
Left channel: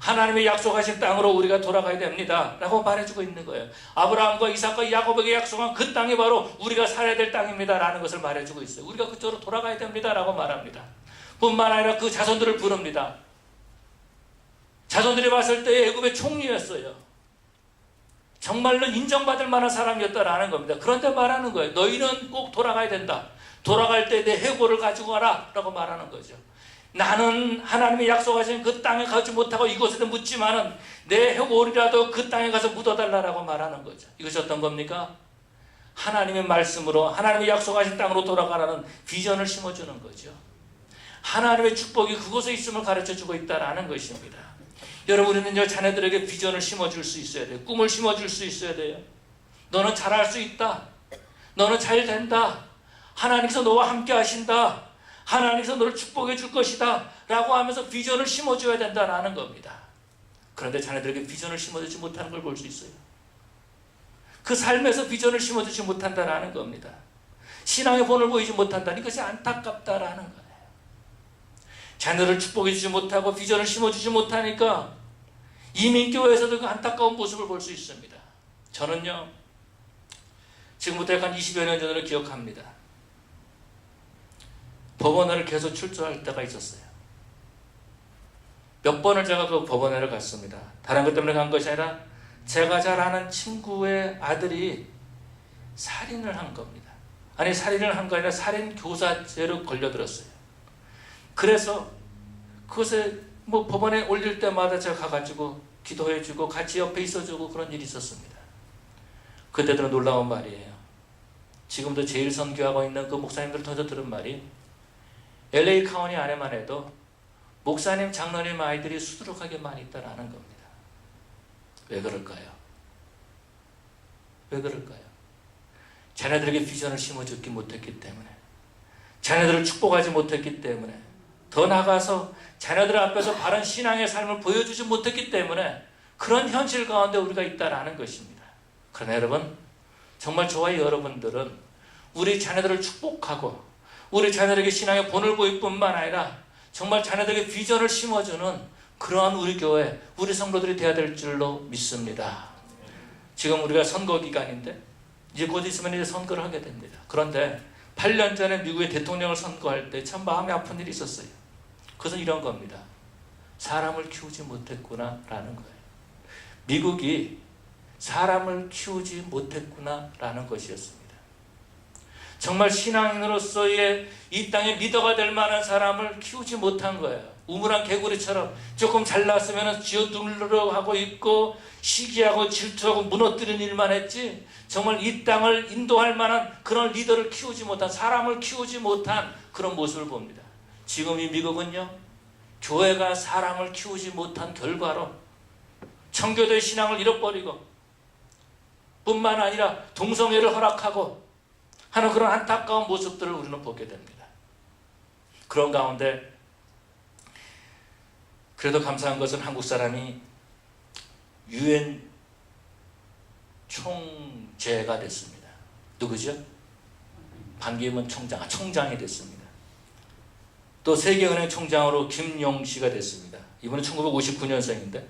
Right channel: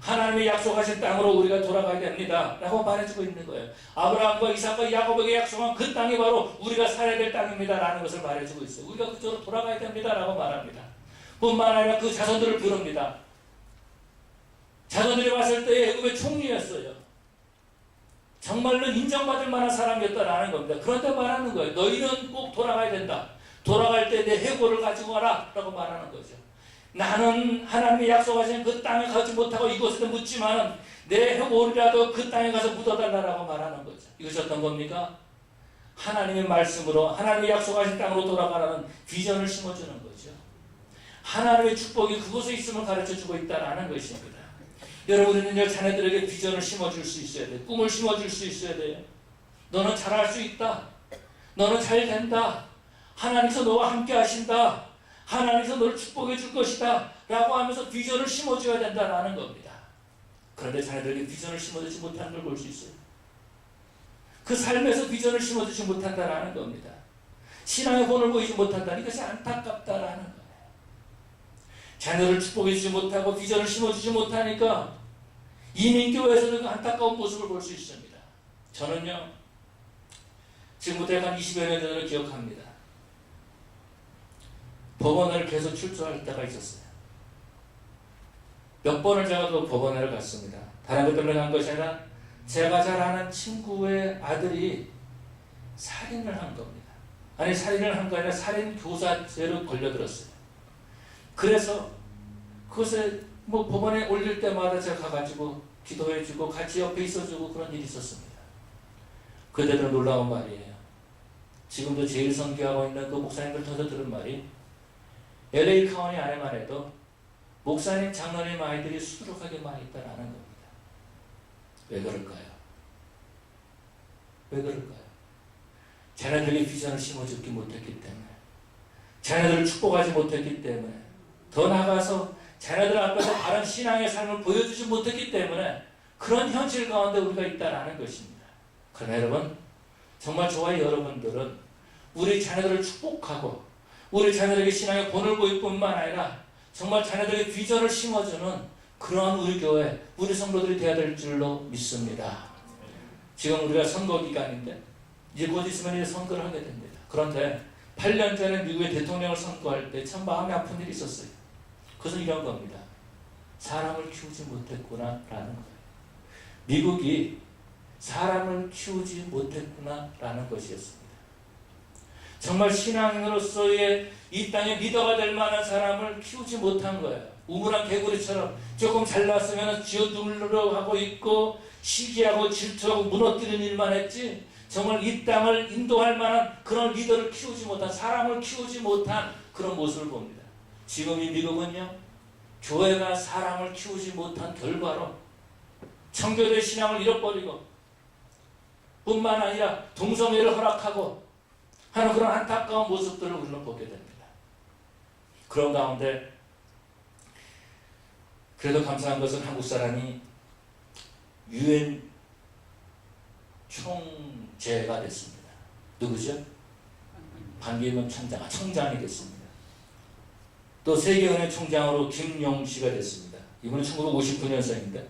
하나님의 약속하신 땅으로 우리가 돌아가야 됩니다 라고 말해주고 있는 거예요. 아브라함과 이삭과 야곱에게 약속한 그 땅이 바로 우리가 살아야 될 땅입니다 라는 것을 말해주고 있어요. 우리가 그쪽으로 돌아가야 됩니다 라고 말합니다. 뿐만 아니라 그 자손들을 부릅니다. 자손들이 봤을 때 애굽의 총리였어요. 정말로 인정받을 만한 사람이었다라는 겁니다. 그런데 말하는 거예요. 너희는 꼭 돌아가야 된다. 돌아갈 때 내 해골을 가지고 와라 라고 말하는 거죠. 나는 하나님이 약속하신 그 땅에 가지 못하고 이곳에도 묻지만은 내 해골이라도 그 땅에 가서 묻어달라고 말하는 거죠. 이것이 어떤 겁니까? 하나님의 말씀으로 하나님이 약속하신 땅으로 돌아가라는 비전을 심어주는 거죠. 하나님의 축복이 그곳에 있음을 가르쳐주고 있다는 것입니다. 여러분은요, 자녀들에게 비전을 심어줄 수 있어야 돼요. 꿈을 심어줄 수 있어야 돼요. 너는 잘할 수 있다. 너는 잘 된다. 하나님께서 너와 함께 하신다. 하나님께서 너를 축복해 줄 것이다 라고 하면서 비전을 심어줘야 된다는 겁니다. 그런데 자녀들에게 비전을 심어주지 못하는 걸 볼 수 있어요. 그 삶에서 비전을 심어주지 못한다는 겁니다. 신앙의 본을 보이지 못한다는 것이 안타깝다라는 거예요. 자녀를 축복해 주지 못하고 비전을 심어주지 못하니까 이민교회에서도 그 안타까운 모습을 볼 수 있습니다. 저는요, 지금부터 약 한 20여 년 전을 기억합니다. 법원을 계속 출두할 때가 있었어요. 몇 번을 제가 그 법원회를 갔습니다. 다른 것 때문에 간 것이 아니라 제가 잘 아는 친구의 아들이 살인을 한 겁니다. 아니, 살인을 한 거 아니라 살인교사죄로 걸려들었어요. 그래서 그것에 법원에 올릴 때마다 제가 가가지고 기도해주고 같이 옆에 있어주고 그런 일이 있었습니다. 그때들은 놀라운 말이에요. 지금도 제일 선교하고 있는 그 목사님들 통해서 들은 말이 LA 카운티 안에만 해도 목사님, 장로님 아이들이 수두룩하게 많이 있다라는 겁니다. 왜 그럴까요? 왜 그럴까요? 자녀들에게 비전을 심어주지 못했기 때문에, 자녀들을 축복하지 못했기 때문에, 더 나아가서 자녀들 앞에서 바른 신앙의 삶을 보여주지 못했기 때문에 그런 현실 가운데 우리가 있다라는 것입니다. 그러나 여러분, 정말 저와 여러분들은 우리 자녀들을 축복하고 우리 자녀들에게 신앙의 본을 보일 뿐만 아니라 정말 자녀들에게 비전을 심어주는 그러한 우리 교회, 우리 성도들이 되어야 될 줄로 믿습니다. 지금 우리가 선거 기간인데 이제 곧 있으면 이제 선거를 하게 됩니다. 그런데 8년 전에 미국의 대통령을 선거할 때 참 마음이 아픈 일이 있었어요. 그것은 이런 겁니다. 사람을 키우지 못했구나 라는 거예요. 미국이 사람을 키우지 못했구나 라는 것이었습니다. 정말 신앙인으로서의 이 땅의 리더가 될 만한 사람을 키우지 못한 거예요. 우물안 개구리처럼 조금 잘났으면 쥐어두르려고 하고 있고 시기하고 질투하고 무너뜨리는 일만 했지, 정말 이 땅을 인도할 만한 그런 리더를 키우지 못한, 사람을 키우지 못한 그런 모습을 봅니다. 지금 이 미국은요, 교회가 사람을 키우지 못한 결과로 청교도의 신앙을 잃어버리고 뿐만 아니라 동성애를 허락하고 하는 그런 안타까운 모습들을 우리는 보게 됩니다. 그런 가운데 그래도 감사한 것은 한국 사람이 유엔 총재가 됐습니다. 누구죠? 반기문 총장이 됐습니다. 또 세계은행 총장으로 김용 씨가 됐습니다. 이분은 1959년생인데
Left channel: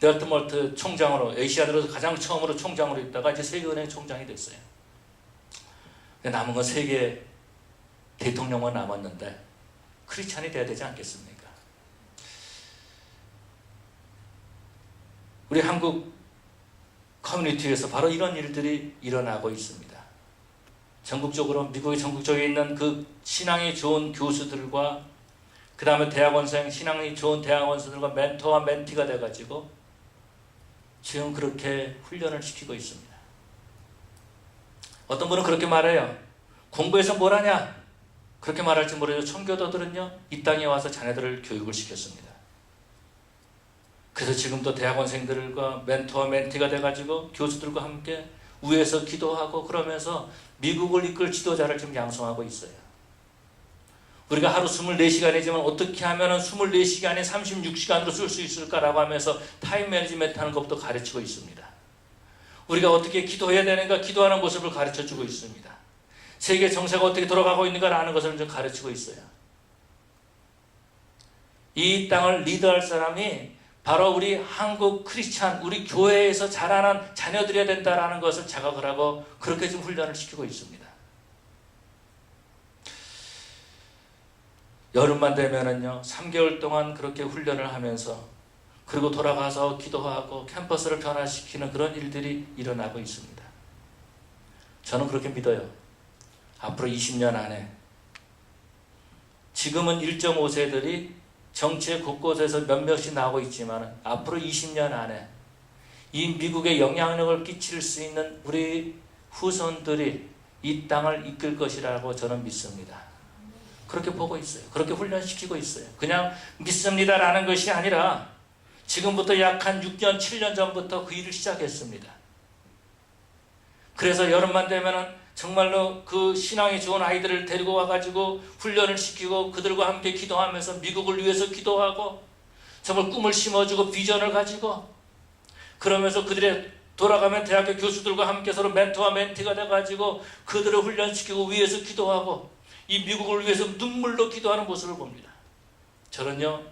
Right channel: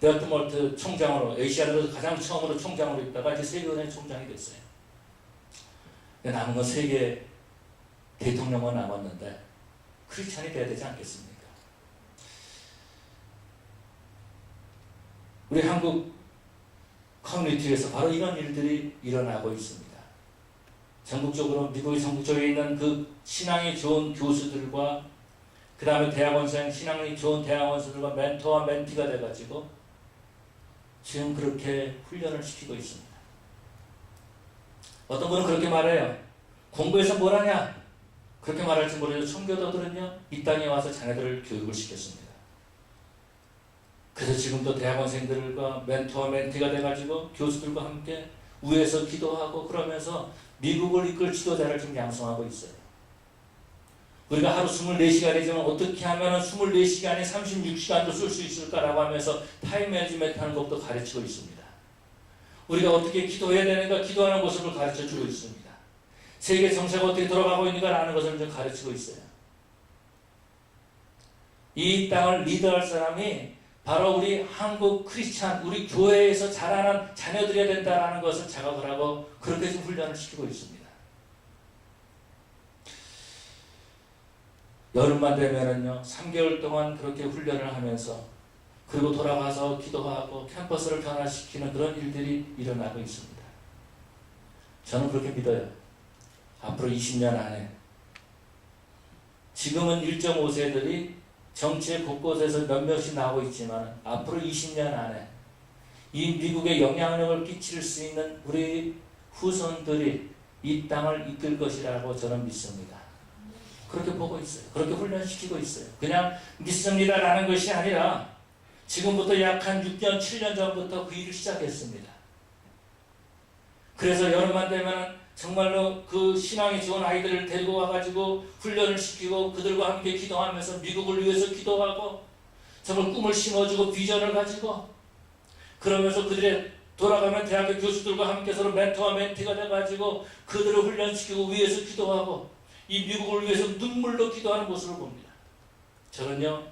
데어트몰트 총장으로, 에이시아에서 가장 처음으로 총장으로 있다가 이제 세계은행 총장이 됐어요. 남은 건 세계 대통령만 남았는데 크리스찬이 돼야 되지 않겠습니까? 우리 한국 커뮤니티에서 바로 이런 일들이 일어나고 있습니다. 전국적으로 미국의 전국적에 있는 그 신앙이 좋은 교수들과 그 다음에 대학원생 신앙이 좋은 대학원생들과 멘토와 멘티가 돼가지고 지금 그렇게 훈련을 시키고 있습니다. 어떤 분은 그렇게 말해요. 공부해서 뭘 하냐? 그렇게 말할지 모르죠. 청교도들은요, 이 땅에 와서 자녀들을 교육을 시켰습니다. 그래서 지금도 대학원생들과 멘토와 멘티가 돼가지고 교수들과 함께 위에서 기도하고 그러면서 미국을 이끌 지도자를 지금 양성하고 있어요. 우리가 하루 24시간이지만 어떻게 하면 24시간에 36시간도 쓸 수 있을까라고 하면서 타임 매니지먼트 하는 것도 가르치고 있습니다. 우리가 어떻게 기도해야 되는가 기도하는 모습을 가르쳐주고 있습니다. 세계 정세가 어떻게 돌아가고 있는가라는 것을 좀 가르치고 있어요. 이 땅을 리드할 사람이 바로 우리 한국 크리스찬, 우리 교회에서 자라는 자녀들이어야 된다는 것을 자각을 하고 그렇게 좀 훈련을 시키고 있습니다. 여름만 되면은요, 3개월 동안 그렇게 훈련을 하면서 그리고 돌아가서 기도하고 캠퍼스를 변화시키는 그런 일들이 일어나고 있습니다. 저는 그렇게 믿어요. 앞으로 20년 안에 지금은 1.5세들이 정치의 곳곳에서 몇몇이 나오고 있지만 앞으로 20년 안에 이 미국에 영향력을 끼칠 수 있는 우리 후손들이 이 땅을 이끌 것이라고 저는 믿습니다. 그렇게 보고 있어요. 그렇게 훈련시키고 있어요. 그냥 믿습니다라는 것이 아니라 지금부터 약 한 6년, 7년 전부터 그 일을 시작했습니다. 그래서 여름만 되면 정말로 그 신앙이 좋은 아이들을 데리고 와가지고 훈련을 시키고 그들과 함께 기도하면서 미국을 위해서 기도하고 정말 꿈을 심어주고 비전을 가지고 그러면서 그들의 돌아가면 대학교 교수들과 함께 서로 멘토와 멘티가 돼가지고 그들을 훈련시키고 위해서 기도하고 이 미국을 위해서 눈물로 기도하는 모습을 봅니다. 저는요,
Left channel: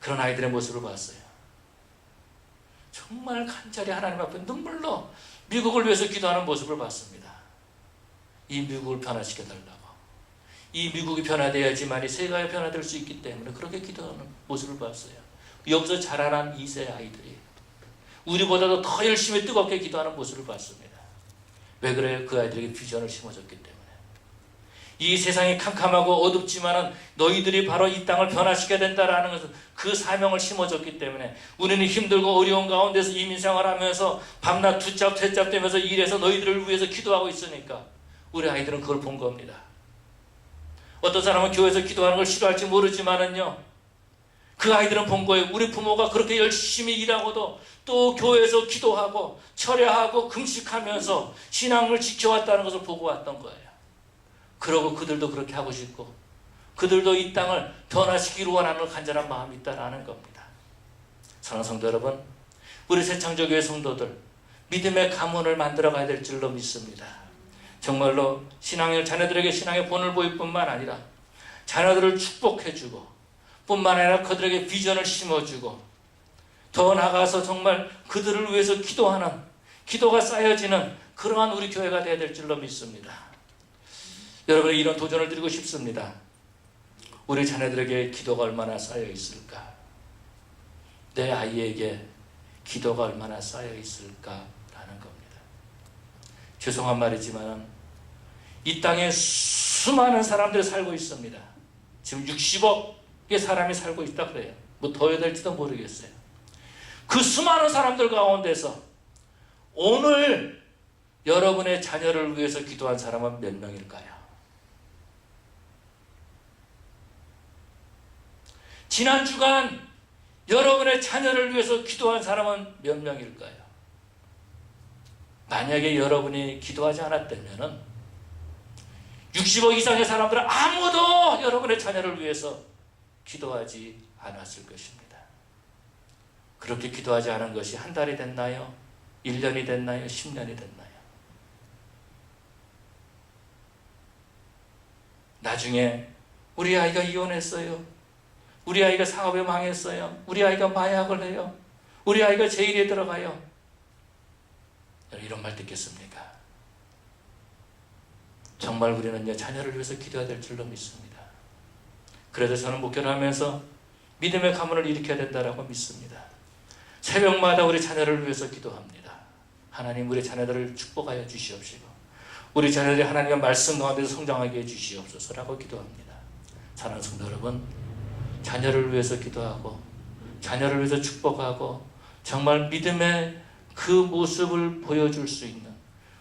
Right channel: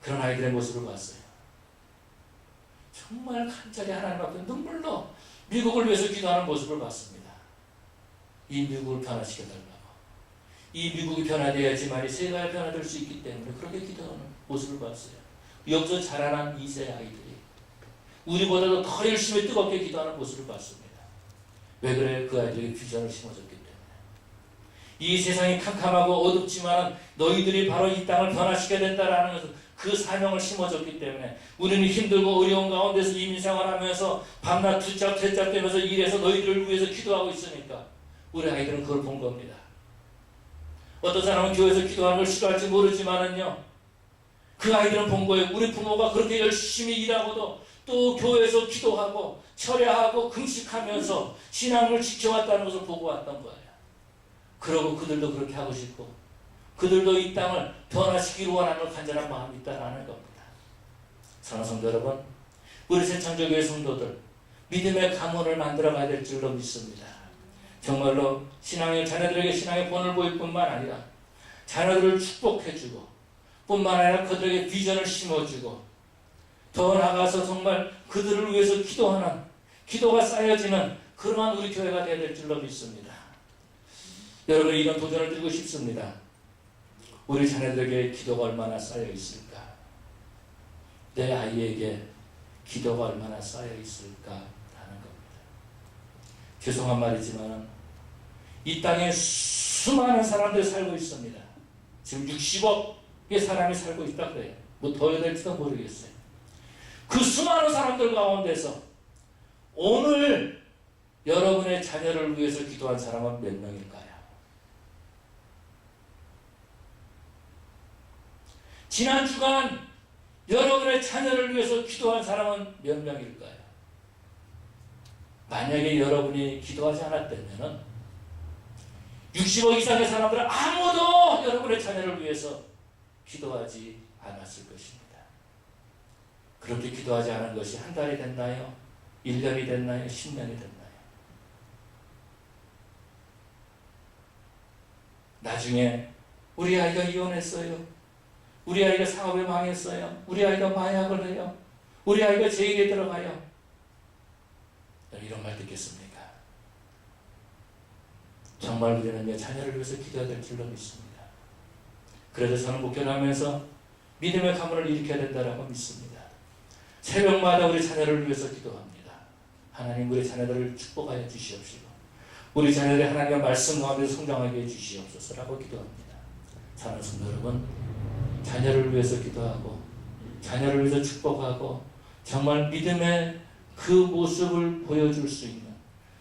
그런 아이들의 모습을 봤어요. 정말 간절히 하나님 앞에 눈물로 미국을 위해서 기도하는 모습을 봤습니다. 이 미국을 변화시켜달라고. 이 미국이 변화되어야지만 이 세계가 변화될 수 있기 때문에 그렇게 기도하는 모습을 봤어요. 여기서 자라난 2세 아이들이 우리보다도 더 열심히 뜨겁게 기도하는 모습을 봤습니다. 왜 그래요? 그 아이들에게 비전을 심어줬기 때문에. 이 세상이 캄캄하고 어둡지만 너희들이 바로 이 땅을 변화시켜야 된다라는 것을 그 사명을 심어줬기 때문에 우리는 힘들고 어려운 가운데서 이민생활하면서 밤낮 두잡 대잡 되면서 일해서 너희들을 위해서 기도하고 있으니까 우리 아이들은 그걸 본 겁니다. 어떤 사람은 교회에서 기도하는 걸 싫어할지 모르지만은요, 그 아이들은 본 거예요. 우리 부모가 그렇게 열심히 일하고도 또 교회에서 기도하고 철야하고 금식하면서 신앙을 지켜왔다는 것을 보고 왔던 거예요. 그러고 그들도 그렇게 하고 싶고 그들도 이 땅을 변화시키기를 원하는 간절한 마음이 있다는 겁니다. 사랑하는 성도 여러분, 우리 새창조교회 성도들 믿음의 가문을 만들어가야 될 줄로 믿습니다. 정말로 자녀들에게 신앙의 본을 보일 뿐만 아니라 자녀들을 축복해주고 뿐만 아니라 그들에게 비전을 심어주고 더 나아가서 정말 그들을 위해서 기도하는, 기도가 쌓여지는 그러한 우리 교회가 되어야 될 줄로 믿습니다. 여러분이 이런 도전을 드리고 싶습니다. 우리 자녀들에게 기도가 얼마나 쌓여 있을까? 내 아이에게 기도가 얼마나 쌓여 있을까라는 겁니다. 죄송한 말이지만 이 땅에 수많은 사람들이 살고 있습니다. 지금 60억의 사람이 살고 있다 그래요. 뭐 더 해야 될지도 모르겠어요. 그 수많은 사람들 가운데서 오늘 여러분의 자녀를 위해서 기도한 사람은 몇 명일까요? 지난 주간 여러분의 자녀를 위해서 기도한 사람은 몇 명일까요? 만약에 여러분이 기도하지 않았다면 60억 이상의 사람들은 아무도 여러분의 자녀를 위해서 기도하지 않았을 것입니다. 그렇게 기도하지 않은 것이 한 달이 됐나요? 1년이 됐나요? 10년이 됐나요? 나중에 우리 아이가 이혼했어요. 우리 아이가 사업에 망했어요. 우리 아이가 마약을 해요. 우리 아이가 제일에 들어가요. 이런 말 듣겠습니까? 정말 우리는 자녀를 위해서 기도해야 될 줄로 믿습니다. 그래서 저는 목회를 하면서 믿음의 가문을 일으켜야 된다고 믿습니다. 새벽마다 우리 자녀를 위해서 기도합니다. 하나님 우리 자녀들을 축복하여 주시옵시고 우리 자녀들이 하나님의 말씀 가운데서 성장하게 해주시옵소서라고 기도합니다. 사랑하는 성도 여러분, 자녀를 위해서 기도하고 자녀를 위해서 축복하고 정말 믿음의 그 모습을 보여줄 수 있는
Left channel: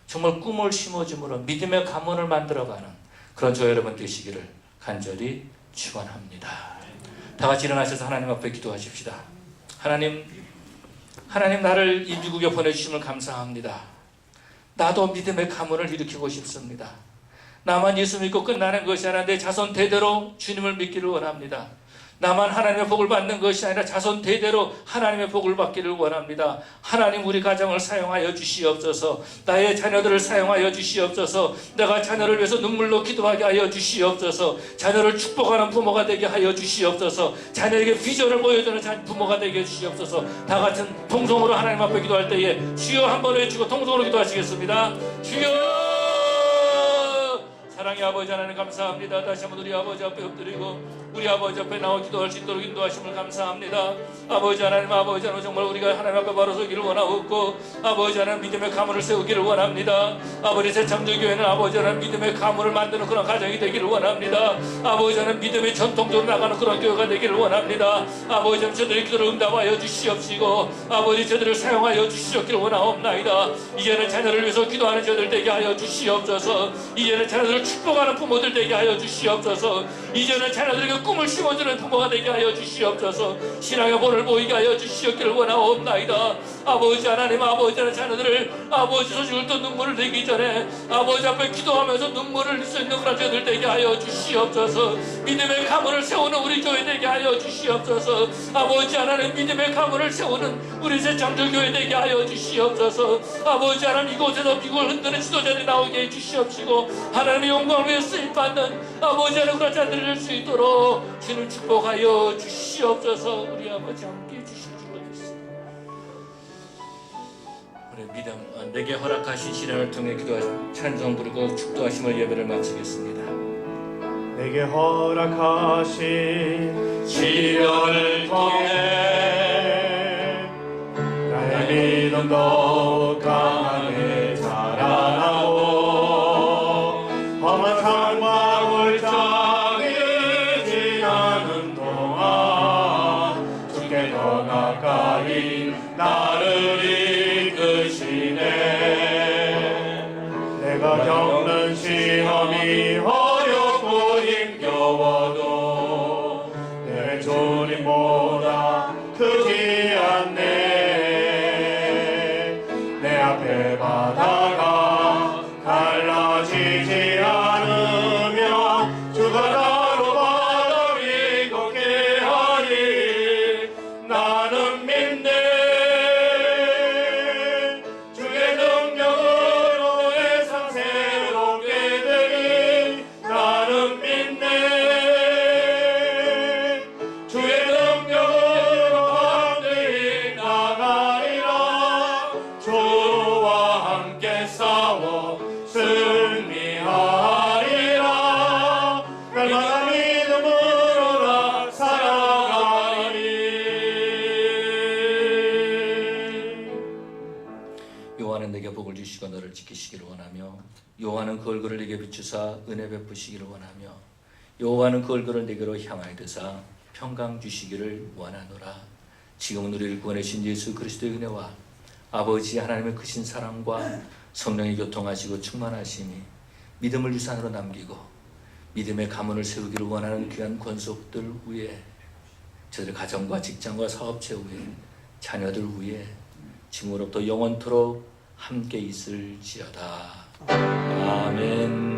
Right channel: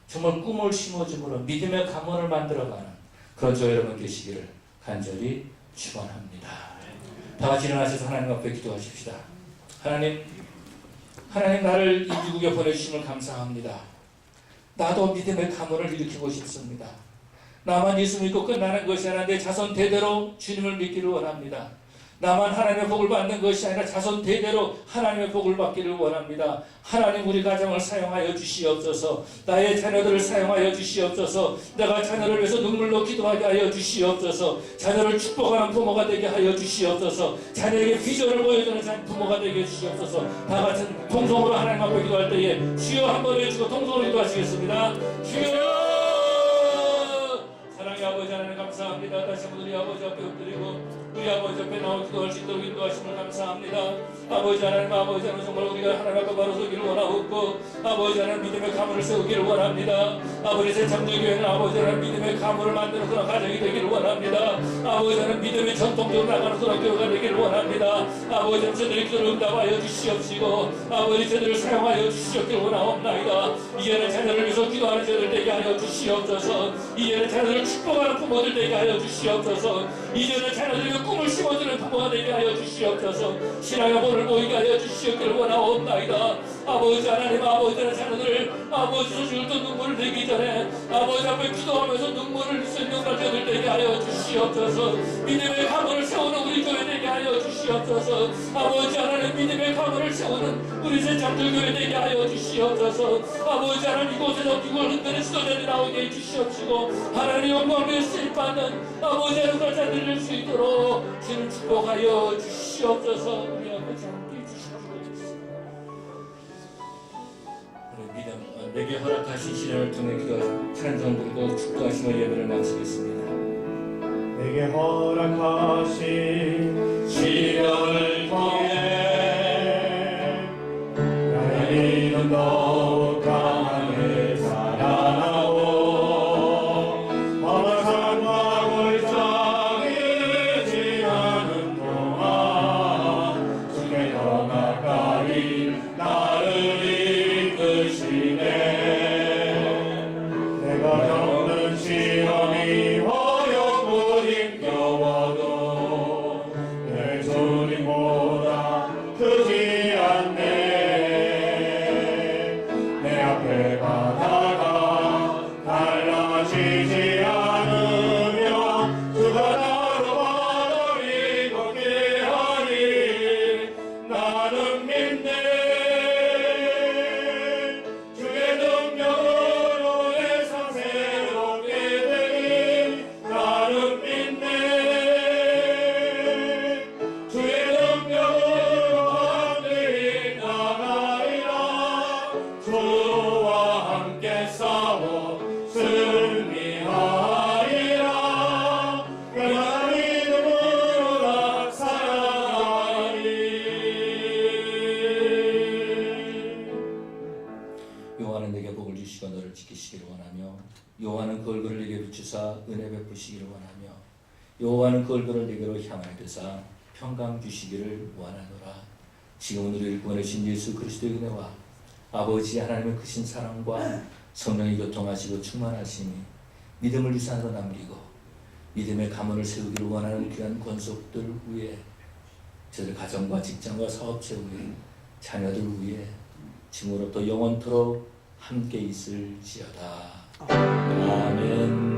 정말 꿈을 심어줌으로 믿음의 가문을 만들어가는 그런 저 여러분 되시기를 간절히 축원합니다. 다 같이 일어나셔서 하나님 앞에 기도하십시다. 하나님 나를 이 미국에 보내주심을 감사합니다. 나도 믿음의 가문을 일으키고 싶습니다. 나만 예수 믿고 끝나는 것이 아니라 내 자손 대대로 주님을 믿기를 원합니다. 나만 하나님의 복을 받는 것이 아니라 자손 대대로 하나님의 복을 받기를 원합니다. 하나님 우리 가정을 사용하여 주시옵소서. 나의 자녀들을 사용하여 주시옵소서. 내가 자녀를 위해서 눈물로 기도하게 하여 주시옵소서. 자녀를 축복하는 부모가 되게 하여 주시옵소서. 자녀에게 비전을 보여주는 부모가 되게 해주시옵소서. 다 같은 통성으로 하나님 앞에 기도할 때에 주여 한번 외치고 통성으로 기도하시겠습니다. 주여! 사랑의 아버지 하나님 감사합니다. 다시 한번 우리 아버지 앞에 엎드리고 우리 아버지 앞에 나와 기도할 수 있도록 인도하심을 감사합니다. 아버지 하나님 정말 우리가 하나님 앞에 바로 서기를 원하고 아버지 하나님 믿음의 가문을 세우기를 원합니다. 아버지 새참들교회는 아버지 하나님 믿음의 가문을 만드는 그런 가정이 되기를 원합니다. 아버지 하나님 믿음의 전통적으로 나가는 그런 교회가 되기를 원합니다. 아버지 하나님 저들의 기도를 응답하여 주시옵시고 아버지 저들을 사용하여 주시옵기를 원하옵나이다. 이제는 자녀를 위해서 기도하는 저들 되게 하여 주시옵소서. 이제는 자녀들을 축복하는 부모들 되게 하여 주시옵소서. 이제는 자녀들에게 꿈을 심어주는 부모가 되게 하여 주시옵소서. 신앙의 본을 보이게 하여 주시옵기를 원하옵나이다. 아버지 하나님 아버지 하나님 자녀들을 아버지 소식을 또 눈물을 내기 전에 아버지 앞에 기도하면서 눈물을 흘릴 수 있는 자녀들 되게 하여 주시옵소서. 믿음의 가문을 세우는 우리 교회 되게 하여 주시옵소서. 아버지 하나님 믿음의 가문을 세우는 우리 새참들교회 되게 하여 주시옵소서. 아버지 하나님 이곳에서 미국을 흔드는 지도자들이 나오게 해주시옵시고 하나님의 영광을 위해 쓰임받는 아버지 하나님 그런 자들이 될 수 있도록 주를 축복하여 주시옵소서. 우리 아버지 함께 해주시옵소서. 우리 믿음 내게 허락하신 시련을 통해 기도하시고 찬송 부르고 축도하심을 예배를 마치겠습니다. 내게 허락하신 시련을 통해 나의 믿음 더욱 강하게 자라나고 험한 산과 골짜기 지나는 동안 주께 더 가까이 나를 이끄시네. 내가 겪는 시험이 어렵고 힘겨워도 내 주님보다 크지 않네. 내 앞에 바다가 갈라지지 않으며 주가 나로 바다를 걷게 하니 나는 믿네. 주의 능력으로 내 삶 새롭게 되니 나는 믿네. 주의 능력으로 함께 나가리라. 주와 함께 싸워 승리하리라. 날마다 믿음으로 나 살아가리. 여호와는 내게 복을 주시고 너를 지키시기를 원하며 여호와는 그 얼굴을 내게 비추사 은혜 베푸시기를 원하며 여호와는 그 얼굴을 내게로 향하여 드사 평강 주시기를 원하노라. 지금은 우리를 구원하신 예수 그리스도의 은혜와 아버지 하나님의 크신 사랑과 성령의 교통하시고 충만하심이 믿음을 유산으로 남기고 믿음의 가문을 세우기를 원하는 귀한 권속들 위에 저들 가정과 직장과 사업체 위에 자녀들 위에 지금으로부터 영원토록 함께 있을지어다. 아멘.